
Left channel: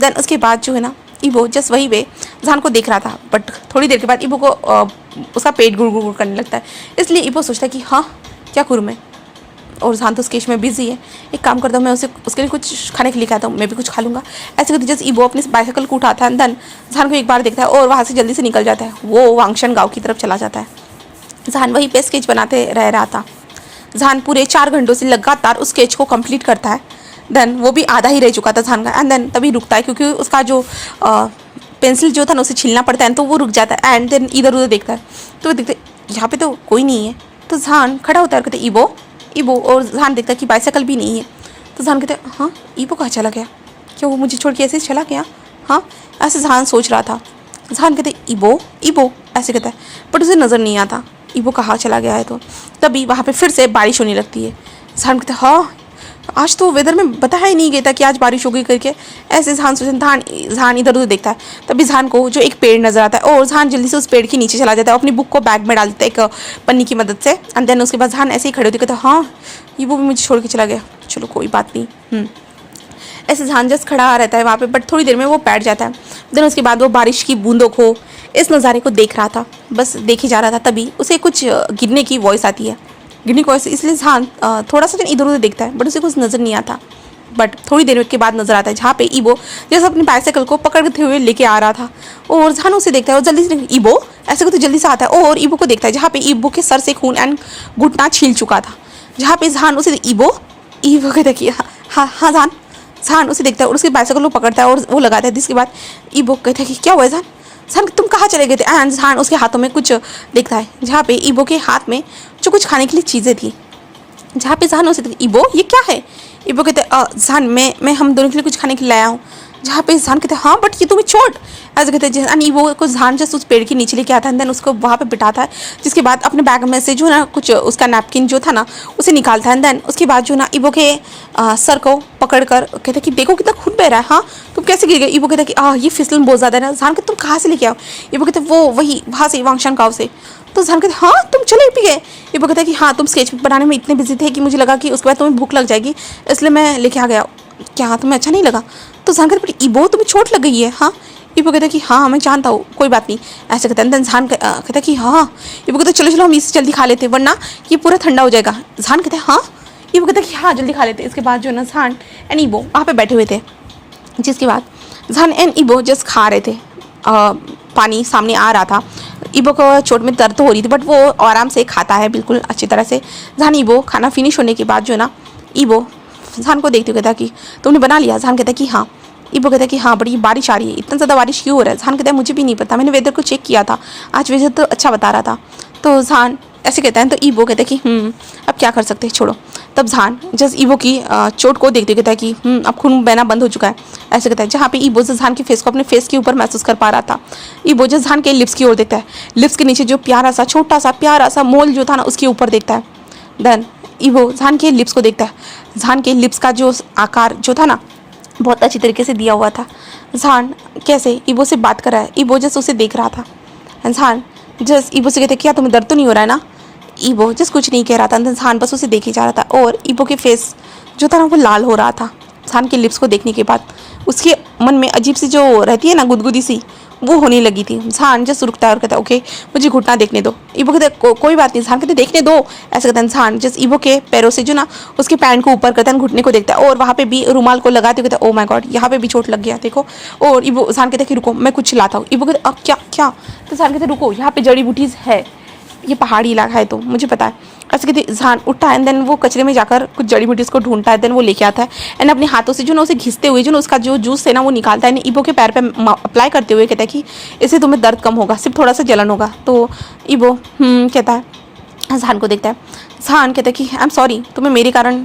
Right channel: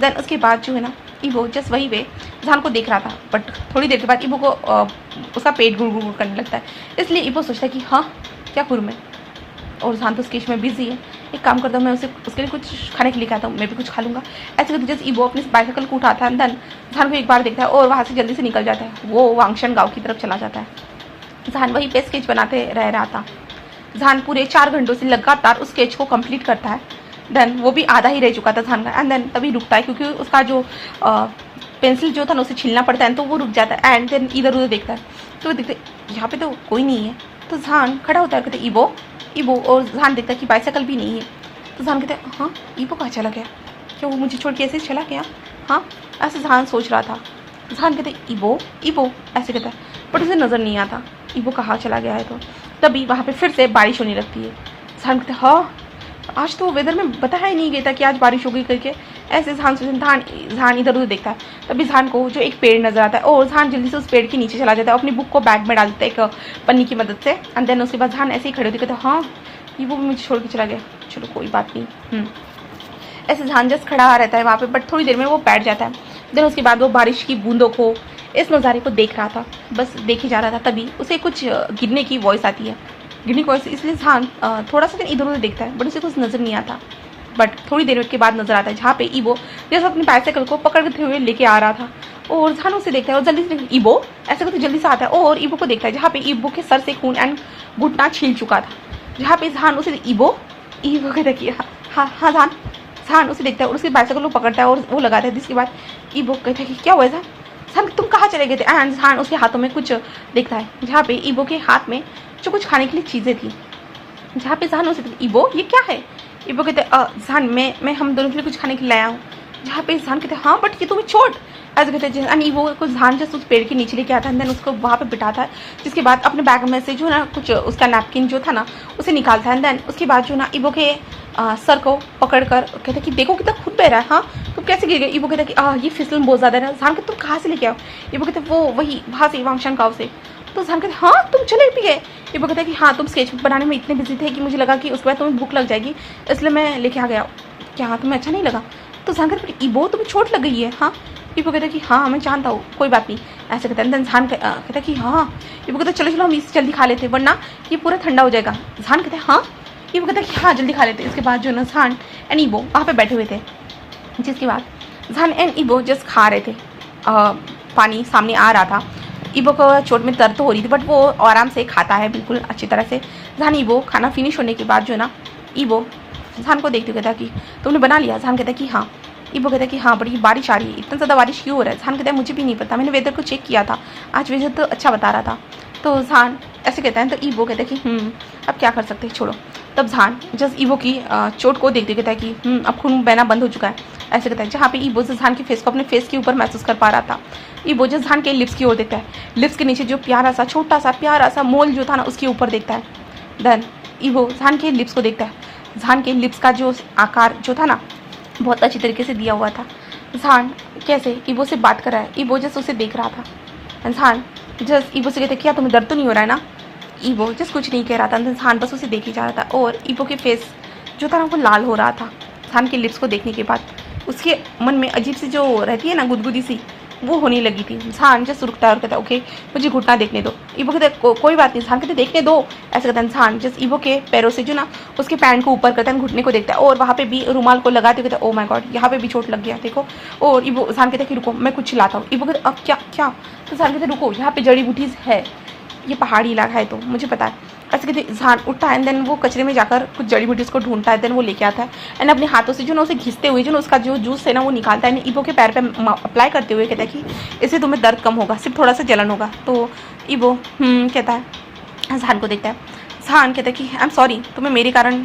देन उसके बाद जो है ना ईबो जस्ट वही वे जहान को देख रहा था, बट थोड़ी देर के बाद ईबो को उसका पेट गुड़ गुड़ करने लगता है। इसलिए ईबो सोचता है कि हाँ क्या करूँ मैं, और जहान तो स्केच में बिजी है, एक काम करता हूँ मैं उसके लिए कुछ खाने के लिए कहता हूँ, मैं भी कुछ खा लूँगा। ऐसे करते जस्ट ईबो अपनी बाइसाइकिल को उठाता है। देन जहान को एक बार देखता है और वहाँ से जल्दी से निकल जाता है, वो वांगशान गाँव की तरफ चला जाता है। जहान वहीं पे स्केच बनाते रह रहा था। जहान पूरे 4 घंटों से लगातार उस स्केच को कंप्लीट करता है। देन वो भी आधा ही रह चुका था जहान का। एंड देन तभी रुकता है क्योंकि उसका जो पेंसिल जो था ना उसे छीलना पड़ता है, तो वो रुक जाता है। एंड देन इधर उधर देखता है तो देखते यहाँ पे तो कोई नहीं है। तो जहान खड़ा होता है, कहते ईबो, और जहान देखता है कि बाइसाइकिल भी नहीं है। तो जहान कहते हैं हाँ ईबो कहाँ चला गया, क्या वो मुझे छोड़ के ऐसे चला गया। हाँ ऐसे जहान सोच रहा था। जहान कहते ईबो ऐसे कहता है, बट उसे नज़र नहीं आता ईबो कहाँ चला गया है। तो तभी वहाँ पे फिर से बारिश होने लगती है। जहान कहते हाँ आज तो वेदर में बताया ही नहीं गया था कि आज बारिश होगी करके। ऐसे जहान सोचते जहान इधर उधर देखता है। तभी जहान को जो एक पेड़ नजर आता है और जहान जल्दी से उस पेड़ के नीचे चला जाता है, अपनी बुक को बैग में डाल देता है एक पन्नी की मदद से। एंड देन उसके बाद जहान ऐसे ही खड़े होते कहते हाँ ईबो भी मुझे छोड़ के चला गया, चलो कोई बात नहीं। ऐसे जहान जस्ट खड़ा रहता है वहाँ पे, बट थोड़ी देर में वो बैठ जाता है। देन उसके बाद वो बारिश की बूंदों को, इस नज़ारे को देख रहा था, बस देखे जा रहा था। तभी उसे कुछ गिरने की वॉइस आती है, गिरने की वॉइस, इसलिए जहान थोड़ा सा इधर उधर देखता है, बट उसे कुछ नज़र नहीं आता। बट थोड़ी देर के बाद नजर आता है जहाँ पे ईबो जैसे अपनी बाइसाइकिल को पकड़ते हुए लेके आ रहा था और जहान उसे देखता है और जल्दी से ईबो ऐसे करके जल्दी से आता है और ईबो को देखता है जहाँ पे ईबो के सर से खून एंड घुटना छील चुका था। जहाँ पे जहान उसे ईबो कहता कि हाँ हाँ जहान जहान उसे देखता है और उसके बाइसाइकिल को पकड़ता है और वो लगाता है। जिसके बाद ईबो कहता है कि क्या हुआ है जहान, जहान तुम कहाँ चले गए थे। एंड जहान उसके हाथों में कुछ देखता है जहाँ पे ईबो के हाथ में जो कुछ खाने के लिए चीज़ें थी। जहाँ पे जहान उसे ईबो ये क्या है। ईबो कहते जहान मैं हम दोनों के लिए कुछ खाने के लिए लाया हूँ। जहाँ पे जहान कहते हैं हाँ बट ये तुम्हें चोट। ऐसे कहते हैं एंड ईबो को जहान जस्ट उस पेड़ के नीचे लेके आता है देन उसको वहाँ पे बिठाता है। जिसके बाद अपने बैग में से जो ना कुछ उसका नैपकिन जो था ना उसे निकालता है देन उसके बाद जो ना ईबो के सर को पकड़ कर कहते कि देखो कितना खून बह रहा है, हाँ तुम कैसे गिर गए। ईबो कहता कि ये फिसलन बहुत ज़्यादा है ना। जहान कहते तुम कहाँ से लेके आओ। ईबो कहते वो वही वहाँ से वांगशान गाँव से। तो जहान कहते हाँ तुम चले भी गए। ईबो कहता है कि हाँ तुम स्केच बनाने में इतने बिजी थे कि मुझे लगा कि उसके बाद तुम्हें भूख लग जाएगी इसलिए मैं लेके आ गया। क्या तुम्हें अच्छा नहीं लगा। तो जहान कहते ईबो तुम्हें चोट लग गई है। हाँ ईबो कहता है कि हाँ मैं जानता हूँ कोई बात नहीं। ऐसे कहता है जहान कहता है कि हाँ। ईबो कहता चलो चलो हम इसे जल्दी खा लेते वरना ये पूरा ठंडा हो जाएगा। जहान कहते हैं हाँ। ईबो कहता है कि हाँ जल्दी खा लेते। इसके बाद जो ना जहान एंड ईबो वहाँ पे बैठे हुए थे। जिसके बाद जहान एंड ईबो जस्ट खा रहे थे। पानी सामने आ रहा था। ईबो को चोट में दर्द तो हो रही थी बट वो आराम से खाता है बिल्कुल अच्छी तरह से। जहान ईबो खाना फिनिश होने के बाद जो ना ईबो जहान को देखते हुए कहता कि तुमने बना लिया। जहान कहता कि हाँ। ईबो कहता कि हाँ बड़ी बारिश आ रही है, इतना ज़्यादा बारिश क्यों हो रहा है। जहान कहता है मुझे भी नहीं पता, मैंने वेदर को चेक किया था, आज वेदर तो अच्छा बता रहा था। तो जहान ऐसे कहता है तो ईबो कहता है कि अब क्या कर सकते हैं छोड़ो। तब जहान जस्ट ईबो की चोट को देखते हुए कहता है कि अब खून बहना बंद हो चुका है। ऐसे कहता है जहाँ पे ईबो जहान के फेस को अपने फेस के ऊपर महसूस कर पा रहा था। ईबो जहान के लिप्स की ओर देखता है, लिप्स के नीचे जो प्यारा सा छोटा सा प्यारा सा मोल जो था ना उसके ऊपर देखता है। देन ईबो जहान के लिप्स को देखता है। जहान के लिप्स का जो आकार जो था ना बहुत अच्छी तरीके से दिया हुआ था। जहान कैसे ईबो से बात कर रहा है, ईबो जस्ट उसे देख रहा था। जहान जस्ट ईबो से कहते क्या तुम्हें दर्द तो नहीं हो रहा है ना। ईबो जस्ट कुछ नहीं कह रहा था। जहान बस उसे देखे जा रहा था और ईबो के फेस जो था ना वो लाल हो रहा था। जहान के लिप्स को देखने के बाद उसके मन में अजीब सी जो रहती है ना गुदगुदी सी वो होने लगी थी। जहान जस्ट रुकता है और कहता है ओके मुझे घुटना देखने दो। ईबो कहते कोई बात नहीं। जहान कहते देखने दो। ऐसे कहता है जहान जस्ट ईबो के पैरों से जो ना उसके पैंट को ऊपर करता है, घुटने को देखता है और वहाँ पे भी रुमाल को लगाते हुए कहता है ओ माय गॉड यहाँ पे भी चोट लग गया देखो। और ईबो जहान कहते कि रुको मैं कुछ लाता हूँ। ईबो कहते अब क्या क्या। तो जहान कहते रुको यहाँ पे जड़ी बूटीज है, ये पहाड़ी इलाका है तो मुझे पता है। ऐसे कहते जहान उठता है एंड देन वो कचरे में जाकर कुछ जड़ी बूटीज को ढूंढता है देन वो लेके आता है एंड अपने हाथों से जो ना उसे घिसते हुए जो ना उसका जो जूस है ना वो निकालता है ईबो के पैर पे अप्लाई करते हुए कहता है कि इससे तुम्हें दर्द कम होगा, सिर्फ थोड़ा सा जलन होगा। तो ईबो कहता है जहान को देखता है। जहान कहता है कि आई एम सॉरी तुम्हें मेरे कारण।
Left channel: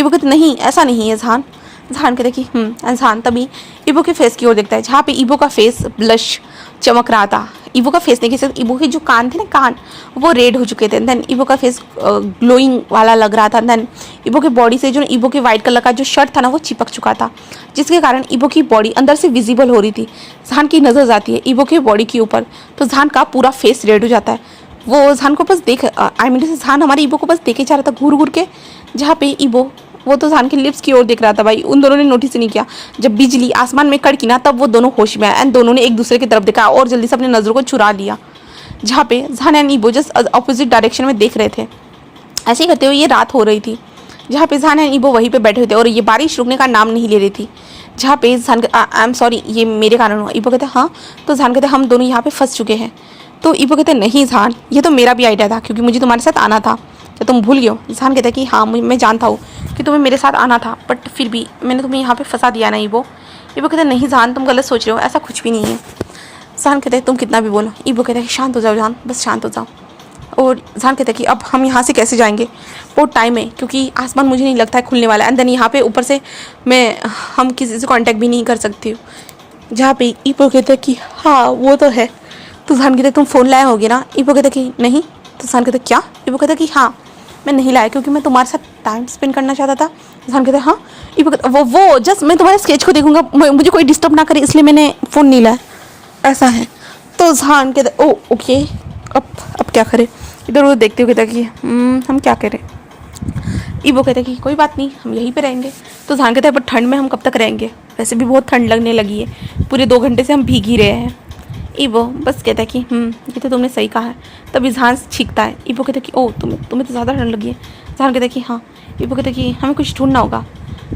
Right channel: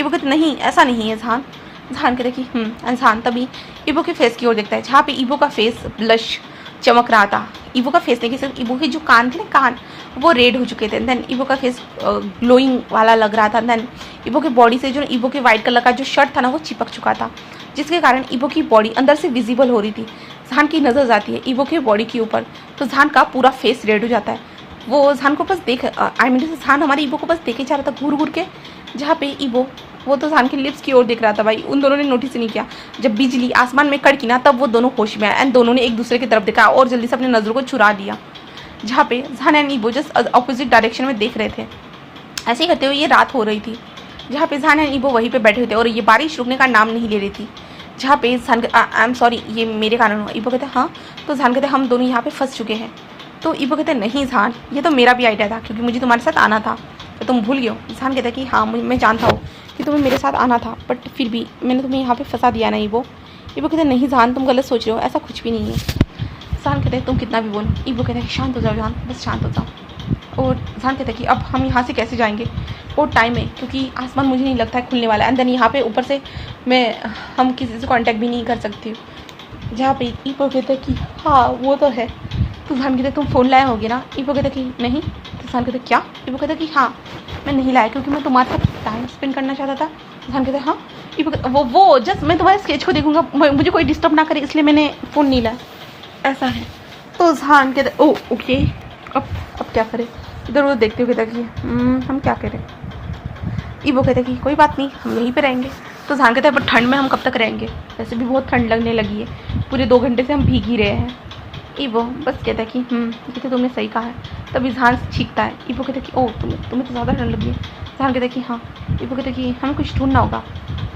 ईबो कहते नहीं ऐसा नहीं है जहान। जहान कहते कि जहान तभी ईबो के फेस की ओर देखता है जहाँ पे ईबो का फेस ब्लश चमक रहा था। ईबो का फेस नहीं कि ईबो के जो कान थे ना कान वो रेड हो चुके थे। देन ईबो का फेस ग्लोइंग वाला लग रहा था। देन ईबो के बॉडी से जो ईबो के वाइट कलर का जो शर्ट था ना वो चिपक चुका था जिसके कारण ईबो की बॉडी अंदर से विजिबल हो रही थी। जहान की नज़र जाती है ईबो के बॉडी के ऊपर तो जहान का पूरा फेस रेड हो जाता है। वो जहान को बस देख आई मीन जहान हमारे ईबो को बस देखे जा रहा था घूर घूर के। जहाँ पे ईबो वो तो जहान के लिप्स की ओर देख रहा था। भाई उन दोनों ने नोटिस नहीं किया। जब बिजली आसमान में कड़की ना तब वो दोनों होश में आए एंड दोनों ने एक दूसरे की तरफ देखा और जल्दी से अपनी नज़रों को चुरा लिया। जहाँ पे जहान एंड ईबो जस्ट अपोजिट डायरेक्शन में देख रहे थे। ऐसे ही करते हुए ये रात हो रही थी जहाँ पे जहान एंड ईबो वहीं पे बैठे हुए थे और ये बारिश रुकने का नाम नहीं ले रही थी। जहाँ पे जहान आई एम सॉरी ये मेरे कारण हुआ। ईबो कहते हाँ। तो जहान कहते हम दोनों यहाँ पे फंस चुके हैं। तो ईबो कहते नहीं जहान ये तो मेरा भी आइडिया था क्योंकि मुझे तुम्हारे साथ आना था, क्या तुम भूल गए हो। जहान कहता है कि हाँ मैं जानता हूँ कि तुम्हें मेरे साथ आना था बट फिर भी मैंने तुम्हें यहाँ पे फंसा दिया ना ईबो। ईबो कहता है नहीं जहान तुम गलत सोच रहे हो, ऐसा कुछ भी नहीं है। जहान कहता है तुम कितना भी बोलो। ईबो कहता है कि शांत हो जाओ जहान, बस शांत हो जाओ। और जहान कहता है कि अब हम यहाँ से कैसे जाएंगे, बहुत टाइम है क्योंकि आसमान मुझे नहीं लगता है खुलने वाला है एंड देन यहाँ पे ऊपर से हम किसी से कांटेक्ट भी नहीं कर सकती हूँ। जहाँ पे ईबो कहता है कि हाँ वो तो है। तो जहान कहता है तुम फ़ोन लाया होगे ना। ईबो कहता है कि नहीं। तो जहान कहता है क्या। ईबो कहता है कि हाँ मैं नहीं लाया क्योंकि मैं तुम्हारे साथ टाइम स्पेंड करना चाहता था। जहान कहता है हाँ। ईबो कहता वो जस्ट मैं तुम्हारे स्केच को देखूंगा, मुझे कोई डिस्टर्ब ना करे इसलिए मैंने फ़ोन नहीं लाया, ऐसा है। तो जहान कहता है ओ ओके अब क्या करें। इधर वो देखते हुए कहता कि हम क्या करें। ईबो कहता है कि कोई बात नहीं हम यहीं पे रहेंगे। तो जहान कहता है पर ठंड में हम कब तक रहेंगे, वैसे भी बहुत ठंड लगने लगी है, पूरे 2 घंटे से हम भीग ही रहे हैं। ईबो बस कहता है कि ये तो तुमने सही कहा है। तभी जहान छींकता है। ईबो कहता है कि ओ तुम्हें तो ज़्यादा ठंड लगी है। जहान कहता है कि हाँ। ईबो कहता है कि हमें कुछ ढूंढना होगा।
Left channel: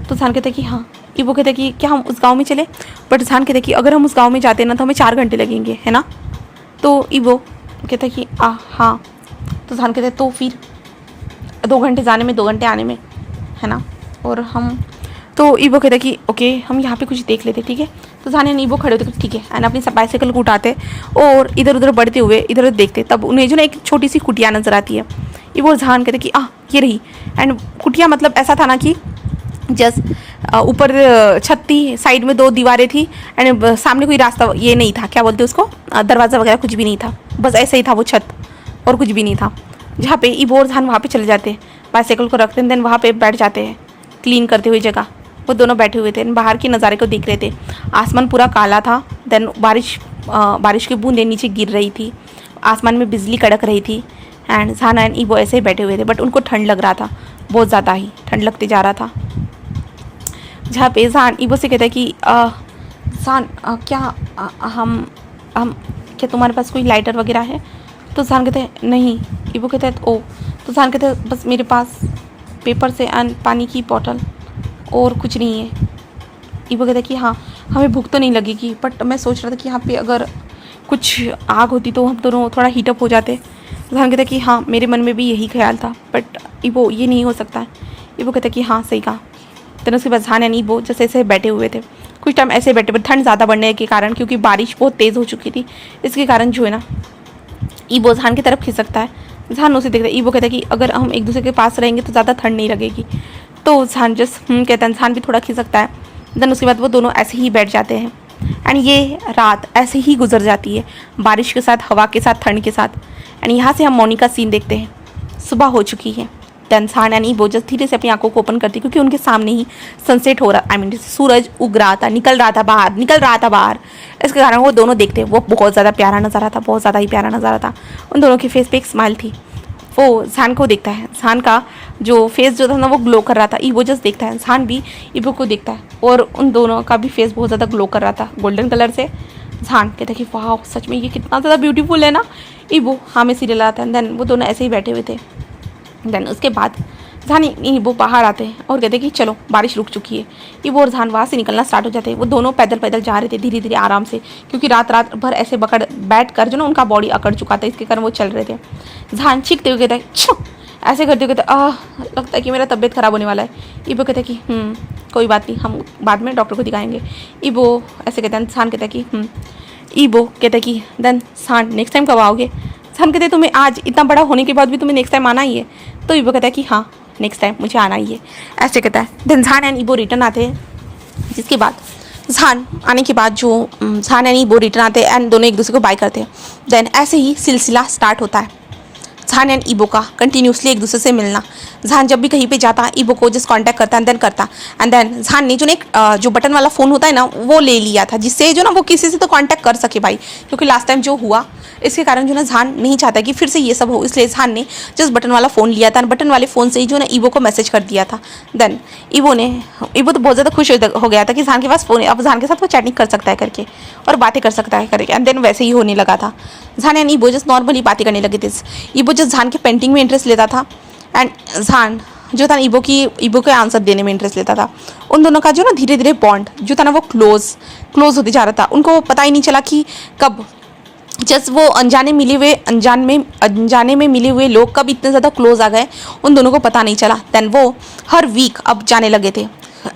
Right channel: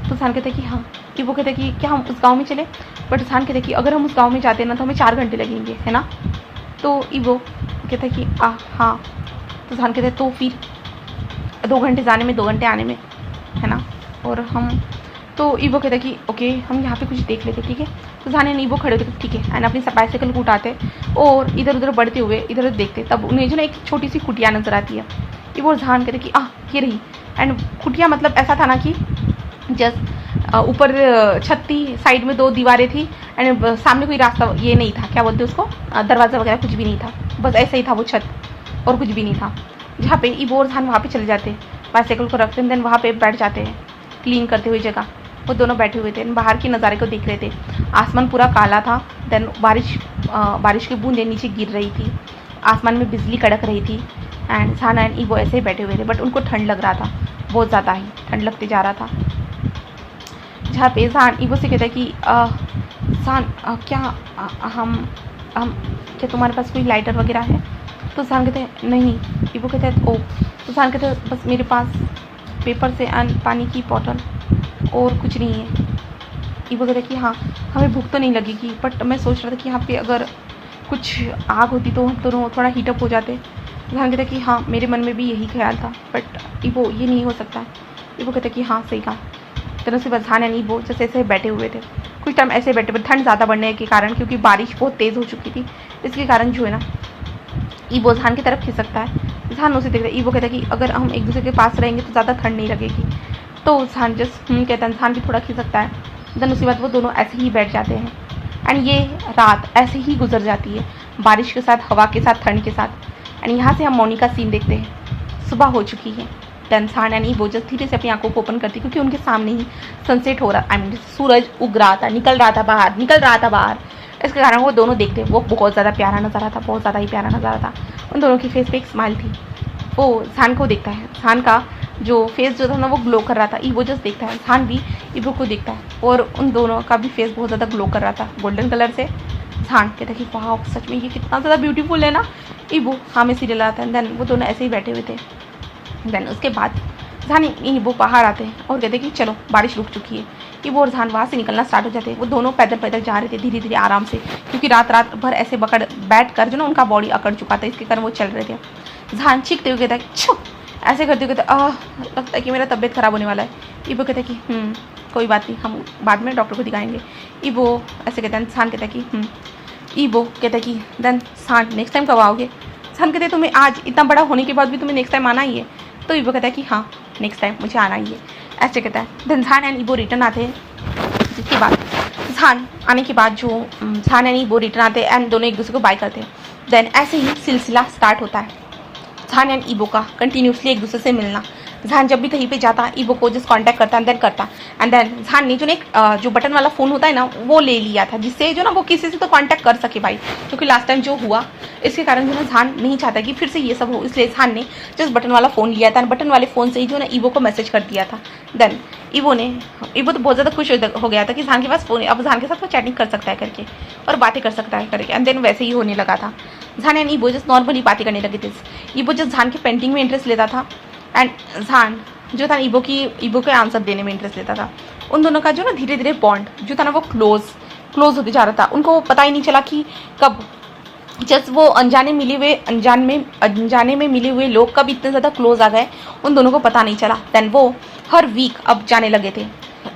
तो जहान कहता है कि हाँ। ईबो कहता है कि क्या हम उस गांव में चले, बट जहान कहता है कि अगर हम उस गांव में जाते हैं ना तो हमें 4 घंटे लगेंगे, है ना। तो ईबो कहता है कि हाँ। तो जहान कहता है तो फिर 2 घंटे जाने में 2 घंटे आने में, है ना। और हम तो ईबो कहता है कि ओके हम यहाँ पे कुछ देख लेते, ठीक है। तो जहान एंड ईबो खड़े होते ठीक है, एंड अपनी बाइसाइकिल को उठाते और इधर उधर बढ़ते हुए इधर उधर देखते, तब उन्हें जो ना एक छोटी सी कुटिया नज़र आती है। ईबो और जहान कहते कि ये रही। एंड कुटिया मतलब ऐसा था ना कि जस्ट ऊपर छत थी, साइड में 2 दीवारें थी, एंड सामने कोई रास्ता ये नहीं था, क्या बोलते उसको, दरवाज़ा वगैरह कुछ भी नहीं था, बस ऐसा ही था वो छत और कुछ भी नहीं था। जहाँ पे ईबो और जहान वहाँ पे चले जाते हैं, बाइसाइकिल को रखते हैं, देन वहाँ पे बैठ जाते हैं क्लीन करते हुए जगह। वो दोनों बैठे हुए थे, बाहर के नज़ारे को देख रहे थे। आसमान पूरा काला था, देन बारिश की बूंदें नीचे गिर रही थी, आसमान में बिजली कड़क रही थी। एंड जहान एंड ईबो ऐसे ही बैठे हुए थे, बट उनको ठंड लग रहा था, बहुत ज़्यादा ही ठंड लगते जा रहा था। जहाँ पे जहान ईबो से कहता है कि जहान क्या हम क्या तुम्हारे पास कोई लाइटर वगैरह है। तो जहान कहते हैं नहीं। ईबो कहता है ओ। तो जहान कहते हैं बस मेरे पास पेपर से एंड पानी की बॉटल और कुछ नहीं है। ईबो कहता है कि हाँ हमें भूख तो नहीं लगेगी, बट मैं सोच रहा था कि यहाँ पे अगर कुछ आग होती तो हम दोनों थोड़ा हीटअप हो जाते। जहान कहता है कि हाँ मेरे मन में भी यही ख्याल था, बट ईबो ये नहीं हो सकता है। ईबो कहता है कि हाँ सही कहा। तो उसके बाद जहान एंड ईबो जैसे ऐसे बैठे हुए थे, कुछ टाइम ऐसे बैठे, बट ठंड ज़्यादा बढ़ने के कारण, क्योंकि बारिश बहुत तेज़ हो चुकी थी, इसके कारण जो है ना ईबो जहान की तरफ खिसकता है। जहान उसे देखता है। ईबो कहता है कि अगर हम एक दूसरे के पास रहेंगे तो ज़्यादा ठंड नहीं लगेगी। तो जहान जस्ट कहता है, जहान भी थोड़ा खिसकता है। देन उसके बाद वो दोनों ऐसे ही बैठ जाते हैं, एंड ये रात ऐसे ही गुजर जाती है, बारिश के साथ, हवा के साथ, ठंड के साथ। एंड यहाँ से हम मौनी का सीन देखते हैं। सुबह हो चुकी है। देन जहान एंड ईबो जस्ट धीरे से अपनी आंखों को ओपन करती, क्योंकि उनके सामने ही सनसेट हो रहा, सूरज उग रहा था, निकल रहा था बाहर। इसके कारण वो दोनों देखते, वो बहुत ज़्यादा प्यारा नज़ारा था, बहुत ज़्यादा ही प्यारा नज़ारा था। उन दोनों के फेस पे एक स्माइल थी। वो जहान को देखता है, जहान का जो फेस जो था ना वो ग्लो कर रहा था। ईबो जस्ट देखता है, जहान भी ईबो को देखता है, और उन दोनों का भी फेस बहुत ज़्यादा ग्लो कर रहा था गोल्डन कलर से। जहान कहता है कि वाह सच में ये कितना ज़्यादा ब्यूटीफुल है ना। ईबो हाँ में सीरियल आता है। देन वो दोनों ऐसे ही बैठे हुए थे। देन उसके बाद जहान ईबो बाहर आते हैं और कहते हैं कि चलो बारिश रुक चुकी है। ईबो और जहान वहाँ से निकलना स्टार्ट हो जाते हैं। वो दोनों पैदल पैदल जा रहे थे, धीरे धीरे आराम से, क्योंकि रात भर ऐसे बैठ कर जो ना उनका बॉडी अकड़ चुका था, इसके कारण वो चल रहे थे। जहान चीखते हुए कहता है छो, ऐसे करते हुए कहते लगता है कि मेरा तबीयत ख़राब होने वाला है। ईबो कहता है कि कोई बात नहीं, हम बाद में डॉक्टर को दिखाएंगे। ईबो ऐसे कहता है। जहान कहता है कि ईबो कहता है कि देन जहान नेक्स्ट टाइम कब आओगे। जहान कहते हैं तुम्हें आज इतना बड़ा होने के बाद भी तुम्हें नेक्स्ट टाइम आना ही है। तो ईबो कहता है कि हाँ नेक्स्ट टाइम मुझे आना ही है, ऐसे कहता है। देन जहान एंड ईबो रिटर्न आते हैं, जिसके बाद जहान आने के बाद जो जहान एंड ईबो रिटर्न आते हैं एंड दोनों एक दूसरे को बाय करते हैं। देन ऐसे ही सिलसिला स्टार्ट होता है जहान एंड ईबो का, कंटिन्यूसली एक दूसरे से मिलना। जहान जब भी कहीं पे जाता ईबो को जस्ट कांटेक्ट करता एंड देन जहान ने जो एक जो बटन वाला फ़ोन होता है ना वो ले लिया था, जिससे जो ना वो किसी से तो कांटेक्ट कर सके भाई, क्योंकि लास्ट टाइम जो हुआ इसके कारण जो ना जहान नहीं चाहता कि फिर से ये सब हो, इसलिए जहान ने जस्ट बटन वाला फ़ोन लिया था, बटन वाले फ़ोन से ही जो ना ईबो को मैसेज कर दिया था। देन ईबो तो बहुत ज़्यादा खुश हो गया था कि जहान के पास फ़ोन है, अब जहान के साथ वो चैटिंग कर सकता है करके और बातें कर सकता है करके। एंड देन वैसे ही होने लगा था। जहान एंड ईबो जस्ट नॉर्मली बातें करने लगे थे। ईबो जस्ट जहान के पेंटिंग में इंटरेस्ट लेता था, एंड जहान जो था ईबो के आंसर देने में इंटरेस्ट लेता था। उन दोनों का जो ना धीरे धीरे बॉन्ड जो था ना वो क्लोज होते जा रहा था। उनको पता ही नहीं चला कि कब जस्ट वो अनजाने में मिले हुए लोग कब इतने ज़्यादा क्लोज आ गए, उन दोनों को पता नहीं चला। देन वो हर वीक अब जाने लगे थे,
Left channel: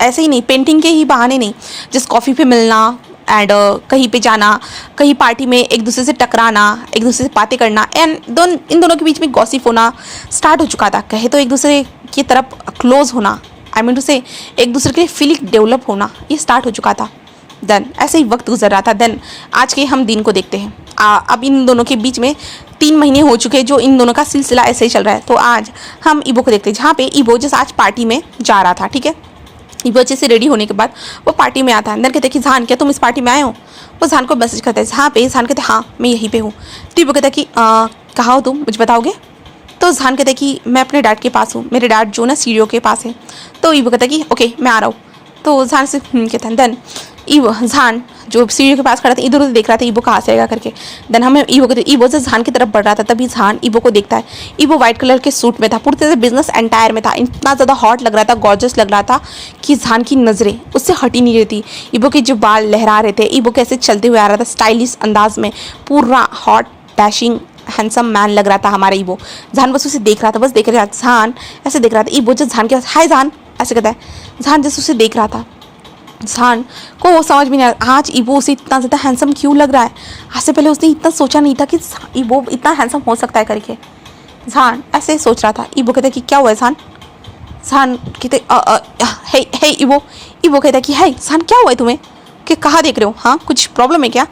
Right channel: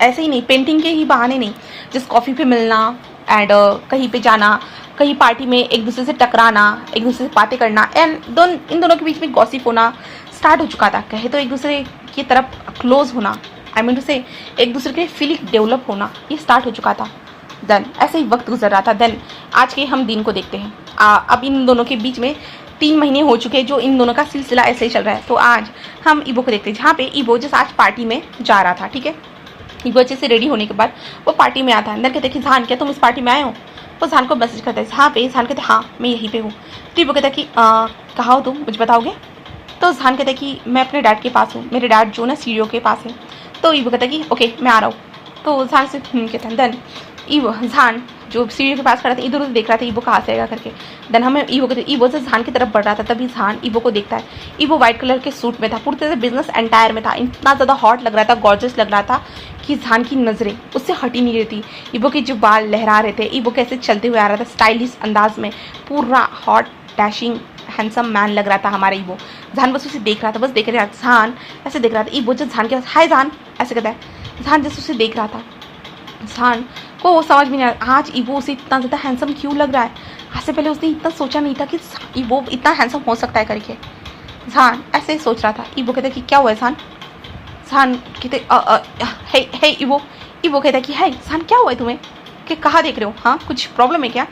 ऐसे ही नहीं पेंटिंग के ही बहाने नहीं, जस्ट कॉफ़ी पे मिलना एंड कहीं पे जाना, कहीं पार्टी में एक दूसरे से टकराना, एक दूसरे से बातें करना, एंड इन दोनों के बीच में गॉसिप होना स्टार्ट हो चुका था। कहे तो एक दूसरे की तरफ क्लोज होना, आई मीन टू से एक दूसरे के लिए फीलिंग डेवलप होना, ये स्टार्ट हो चुका था। देन ऐसे ही वक्त गुजर रहा था। देन आज के हम दिन को देखते हैं। अब इन दोनों के बीच में 3 महीने हो चुके हैं जो इन दोनों का सिलसिला ऐसे ही चल रहा है। तो आज हम ईबो को देखते हैं, जहाँ पे ईबो जैसे आज पार्टी में जा रहा था, ठीक है। ईबो अच्छे से रेडी होने के बाद वो पार्टी में आता है। अंदर कहते हैं कि जहान क्या तुम इस पार्टी में आए हो। वो जहान को मैसेज करता है जहाँ पे। जहान कहते हैं हाँ मैं यहीं पे हूँ। तो ईबो कहता है कि कहाँ हो तुम, मुझे बताओगे। तो जहान कहता है कि मैं अपने डैड के पास हूँ, मेरे डैड जो ना सीढ़ियों के पास है। तो ईबो कहता है कि ओके मैं आ रहा हूँ। तो जहान से कहता है। देन ईवो जान जो सीढ़ी के पास खड़ा था इधर उधर देख रहा था ईवो कहाँ से आएगा करके। देन हमें ईवो से जान की तरफ बढ़ रहा था, तभी जान ईवो को देखता है। ईवो व्हाइट कलर के सूट में था, पूरी तरह से बिजनेस एंटायर में था, इतना ज़्यादा हॉट लग रहा था, गॉर्जियस लग रहा था कि जान की नज़रें उससे हट ही नहीं रही थी। ईवो के जो बाल लहरा रहे थे, ईवो कैसे चलते हुए आ रहा था स्टाइलिश अंदाज में, पूरा हॉट डैशिंग हैंडसम मैन लग रहा था हमारा ईवो। जान बस उसे देख रहा था, बस देख रहा था, जान ऐसे देख रहा था। ईवो जब जान के पास हाय जान ऐसे कहता है, जान जैसे उसे देख रहा था। जान को समझ में नहीं आ रहा आज ईवो उसे इतना ज़्यादा हैंडसम क्यों लग रहा है। आज से पहले उसने इतना सोचा नहीं था कि ईवो इतना हैंडसम हो सकता है करके। जान ऐसे ही सोच रहा था। ईवो कहता कि क्या हुआ है जान। जान कहते हे हे ईवो। ईवो कहता कि हाय जान क्या हुआ है तुम्हें, कि कहाँ देख रहे हो, हाँ कुछ प्रॉब्लम है क्या।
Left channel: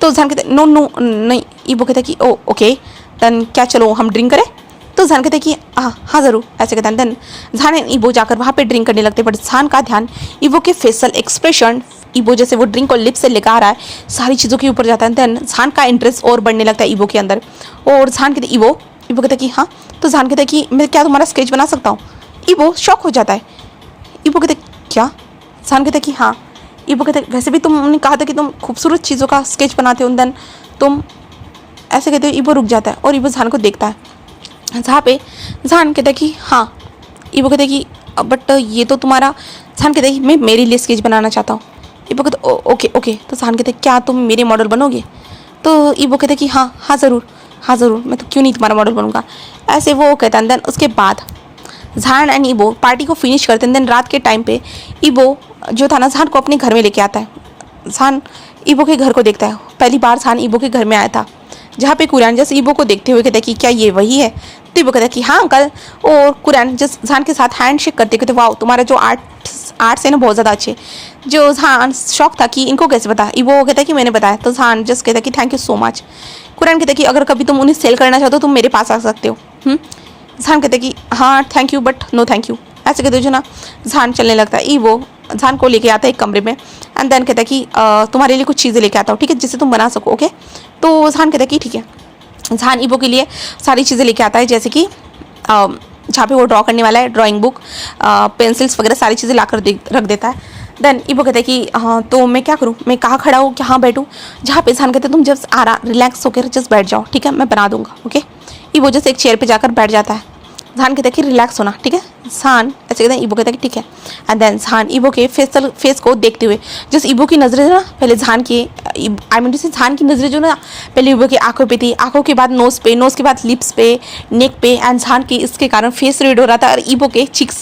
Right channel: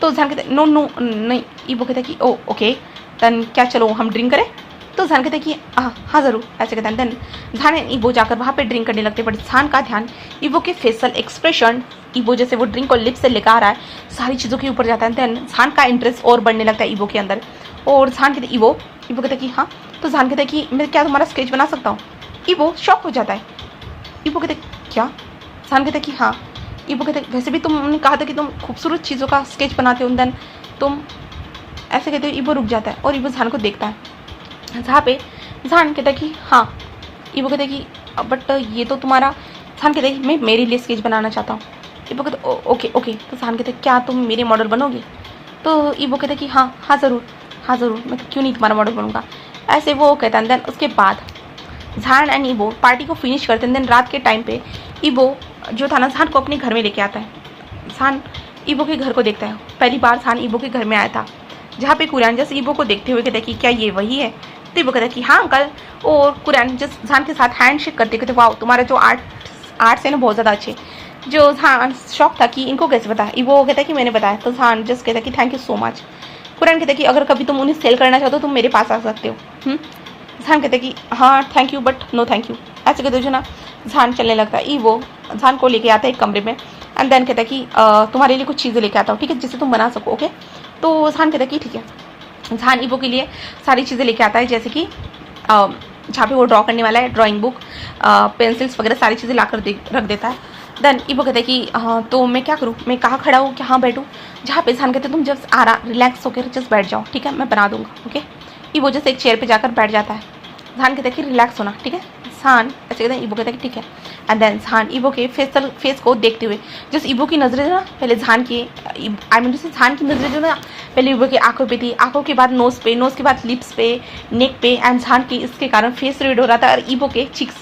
तो जान कहते नो नो नहीं। ईवो कहता कि ओ ओके देन क्या चलो हम ड्रिंक करें। तो जान कहते कि हाँ ज़रूर ऐसे कहते हैं। देन जान एंड ईवो जाकर वहाँ पे ड्रिंक करने लगते, बट जान का ध्यान ईवो के फेशियल एक्सप्रेशन, ईवो जैसे वो ड्रिंक को लिप से लेकर आ रहा है, सारी चीज़ों के ऊपर जाता है। देन जान का इंटरेस्ट और बढ़ने लगता है ईवो के अंदर। और जान कहते ईवो कहता है कि हाँ। तो जान कहता है कि मैं क्या तुम्हारा स्केच बना सकता हूँ। ईवो शॉक हो जाता है। ईवो कहते क्या। जान कहता है कि हाँ। ईवो कहते वैसे भी तुमने कहा था कि तुम खूबसूरत चीज़ों का स्केच बनाते हो, देन तुम ऐसे कहते हो। ईवो रुक जाता है और ईवो जान को देखता है, जहाँ पे जान कहता है कि हाँ। ईवो कहता है कि बट ये तो तुम्हारा। जान कहता है कि मैं मेरे लिए स्केच बनाना चाहता हूँ। ईवो कहता है ओके ओके। तो जान कहता है क्या तुम मेरे मॉडल बनोगे। तो ईवो कहता है कि हाँ हाँ ज़रूर हाँ ज़रूर, मैं तो क्यों नहीं तुम्हारा मॉडल बनूंगा, ऐसे वो कहता है। देन उसके बाद जान एंड ईवो पार्टी को फिनिश करते हैं। देन रात के टाइम पे ईवो जो था ना जान को अपने घर में लेके आता है। जान ईवो के घर को देखता है, पहली बार जान ईवो के घर में आया था, जहाँ पे कुरान जस ईवो को देखते हुए कहता है कि क्या ये वही है। तो ईवो कहता है कि हाँ अंकल। और कुरान जस जान के साथ हैंड शेक करते कहते वाह तुम्हारा जो आर्ट्स है ना बहुत ज़्यादा अच्छे। जो जान शौक था कि इनको कैसे पता। ईवो कहता है कि मैंने बताया। तो जान जस्ट कहता है कि thank you so much. Quran कहता है कि अगर कभी तुम उन्हें सेल करना चाहते हो तुम मेरे पास आ सकते हो। जान कहते कि हाँ thank you but no thank you, ऐसे कहते जो ना। जान चलने लगता है। ईवो जान को लेके आता है एक कमरे में एंड देन कहता है कि तुम्हारे लिए कुछ चीज़ें लेके आता हूँ, ठीक है, जिससे तुम बना सको। ओके। तो जान कहता है कि ठीक है। जान ईवो के लिए सारी चीज़ें लेके आता है, जैसे कि जहाँ पे वो ड्रॉ करने वाला है, ड्राइंग बुक, पेंसिल्स वगैरह सारी चीज़ें लाकर रख देता है। देन ईवो कहता है कि हाँ तो मैं क्या करूँ, मैं कहाँ खड़ा हूँ, कहाँ बैठूँ। जहाँ पे जान कहते तुम जस्ट रिलैक्स होकर जस्ट बैठ जाओ, ठीक है, मैं बना दूंगा। ओके। ईवो जस्ट एक चेयर पे जाकर बैठ जाता है। जान कहता है कि रिलैक्स होना, ठीक है। जान ऐसे कहता है। ईवो कहता है कि ठीक है। एंड देन जान ईवो के फेस को देखते हुए जस्ट ईवो की नज़रें ना पहले जान की आई मीन से जान की नज़रें जो ना पहले ईवो की आंखों पे थी, आंखों के बाद नोज़ पे, नोज़ के बाद लिप्स पे, नेक पे, एंड जान के इसके कारण फेस रेड हो रहा था। और ईवो के चिक्स,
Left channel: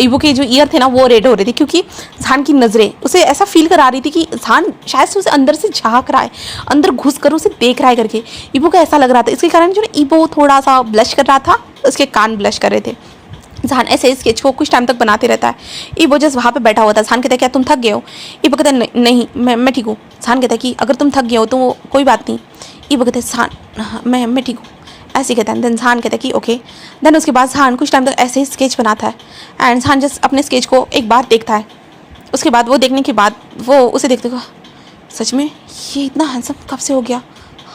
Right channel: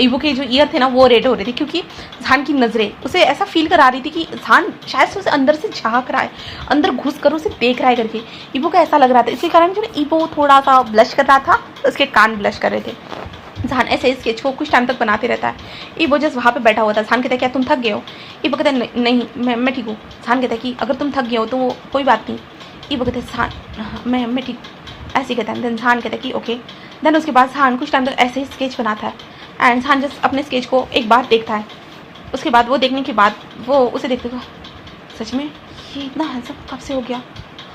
ईवो के जो ईयर थे ना वो रेड हो रहे थे, क्योंकि जान की नज़रें उसे ऐसा फील करा रही थी कि जान शायद से उसे अंदर से झाँक रहा है, अंदर घुस कर उसे देख रहा है करके। ईवो को ऐसा लग रहा था, इसके कारण जो ना ईवो थोड़ा सा ब्लश कर रहा था, उसके कान ब्लश कर रहे थे। जान ऐसे स्केच को कुछ टाइम तक बनाते रहता है। ईवो जस्ट वहाँ पे बैठा हुआ था। जान कहता है क्या तुम थक गए हो। ईवो कहता है नहीं मैं ठीक हूँ। जान कहता है कि अगर तुम थक गए हो तो कोई बात नहीं। ईवो कहता है जान मैं ठीक हूँ, ऐसे कहता है। देन जान कहता है कि ओके। देन उसके बाद जान कुछ टाइम तक ऐसे ही स्केच बनाता है एंड जान जस्ट अपने स्केच को एक बार देखता है। उसके बाद वो देखने के बाद वो उसे देखते हुए सच में ये इतना हैंडसम कब से हो गया,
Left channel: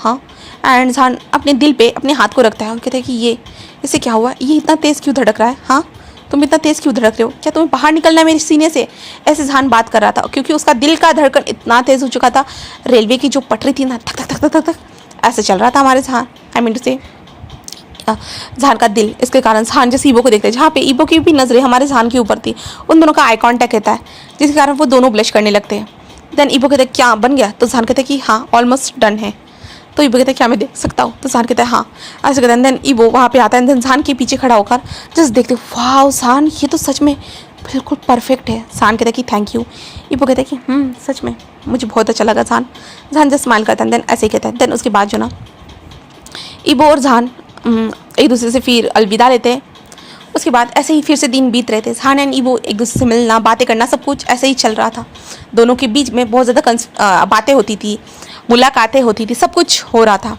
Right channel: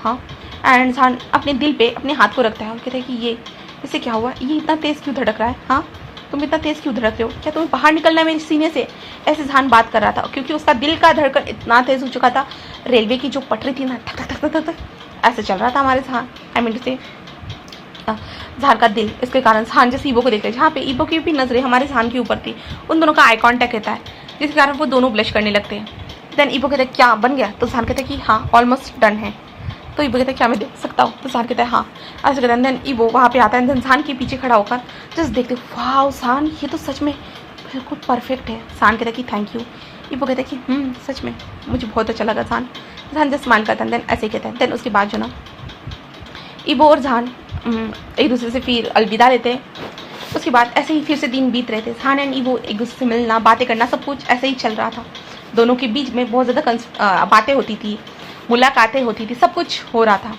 हाँ। एंड जान अपने दिल पे अपने हाथ को रखता है और कहता है कि ये इससे क्या हुआ, ये इतना तेज़ क्यों धड़क रहा है, हाँ तुम इतना तेज़ क्यों धड़क रहे हो, क्या तुम्हें बाहर निकलना है मेरे सीने से। ऐसे जान बात कर रहा था, क्योंकि उसका दिल का धड़कन इतना तेज़ हो चुका था। रेलवे की जो पटरी थी ना, थक थक थक थक थक ऐसे चल रहा था हमारे जान, आई मीन टू से जान का दिल। इसके कारण जान जैसे ईवो को देखते हैं, जहाँ पे ईवो की भी नज़रें हमारे जान के ऊपर थी, उन दोनों का आई कॉन्टैक्ट रहता है, जिसके कारण वो दोनों ब्लश करने लगते हैं। देन ईवो कहते हैं क्या बन गया। तो जान कहते हैं कि हाँ ऑलमोस्ट डन है। तो ईवो कहता है क्या मैं देख सकता हूँ। तो जान कहता है हाँ, ऐसे कहते हैं। देन ईवो वहाँ पे आता है। देन जान के पीछे खड़ा होकर जस्ट देखते वाह जान ये तो सच में बिल्कुल परफेक्ट है। जान कहता है कि थैंक यू। ईवो कहता है कि सच में मुझे बहुत अच्छा लगा। जान जस्ट स्माइल करता है। देन ऐसे ही कहता है। देन उसके बाद जो ना ईवो और जान एक दूसरे से फिर अलविदा लेते हैं। उसके बाद ऐसे ही फिर से दिन बीत रहे थे। जान एंड ईवो एक दूसरे से मिलना, बातें करना, सब कुछ ऐसे ही चल रहा था। दोनों के बीच में बहुत ज़्यादा बातें होती थी, मुलाकातें होती थी, सब कुछ हो रहा था।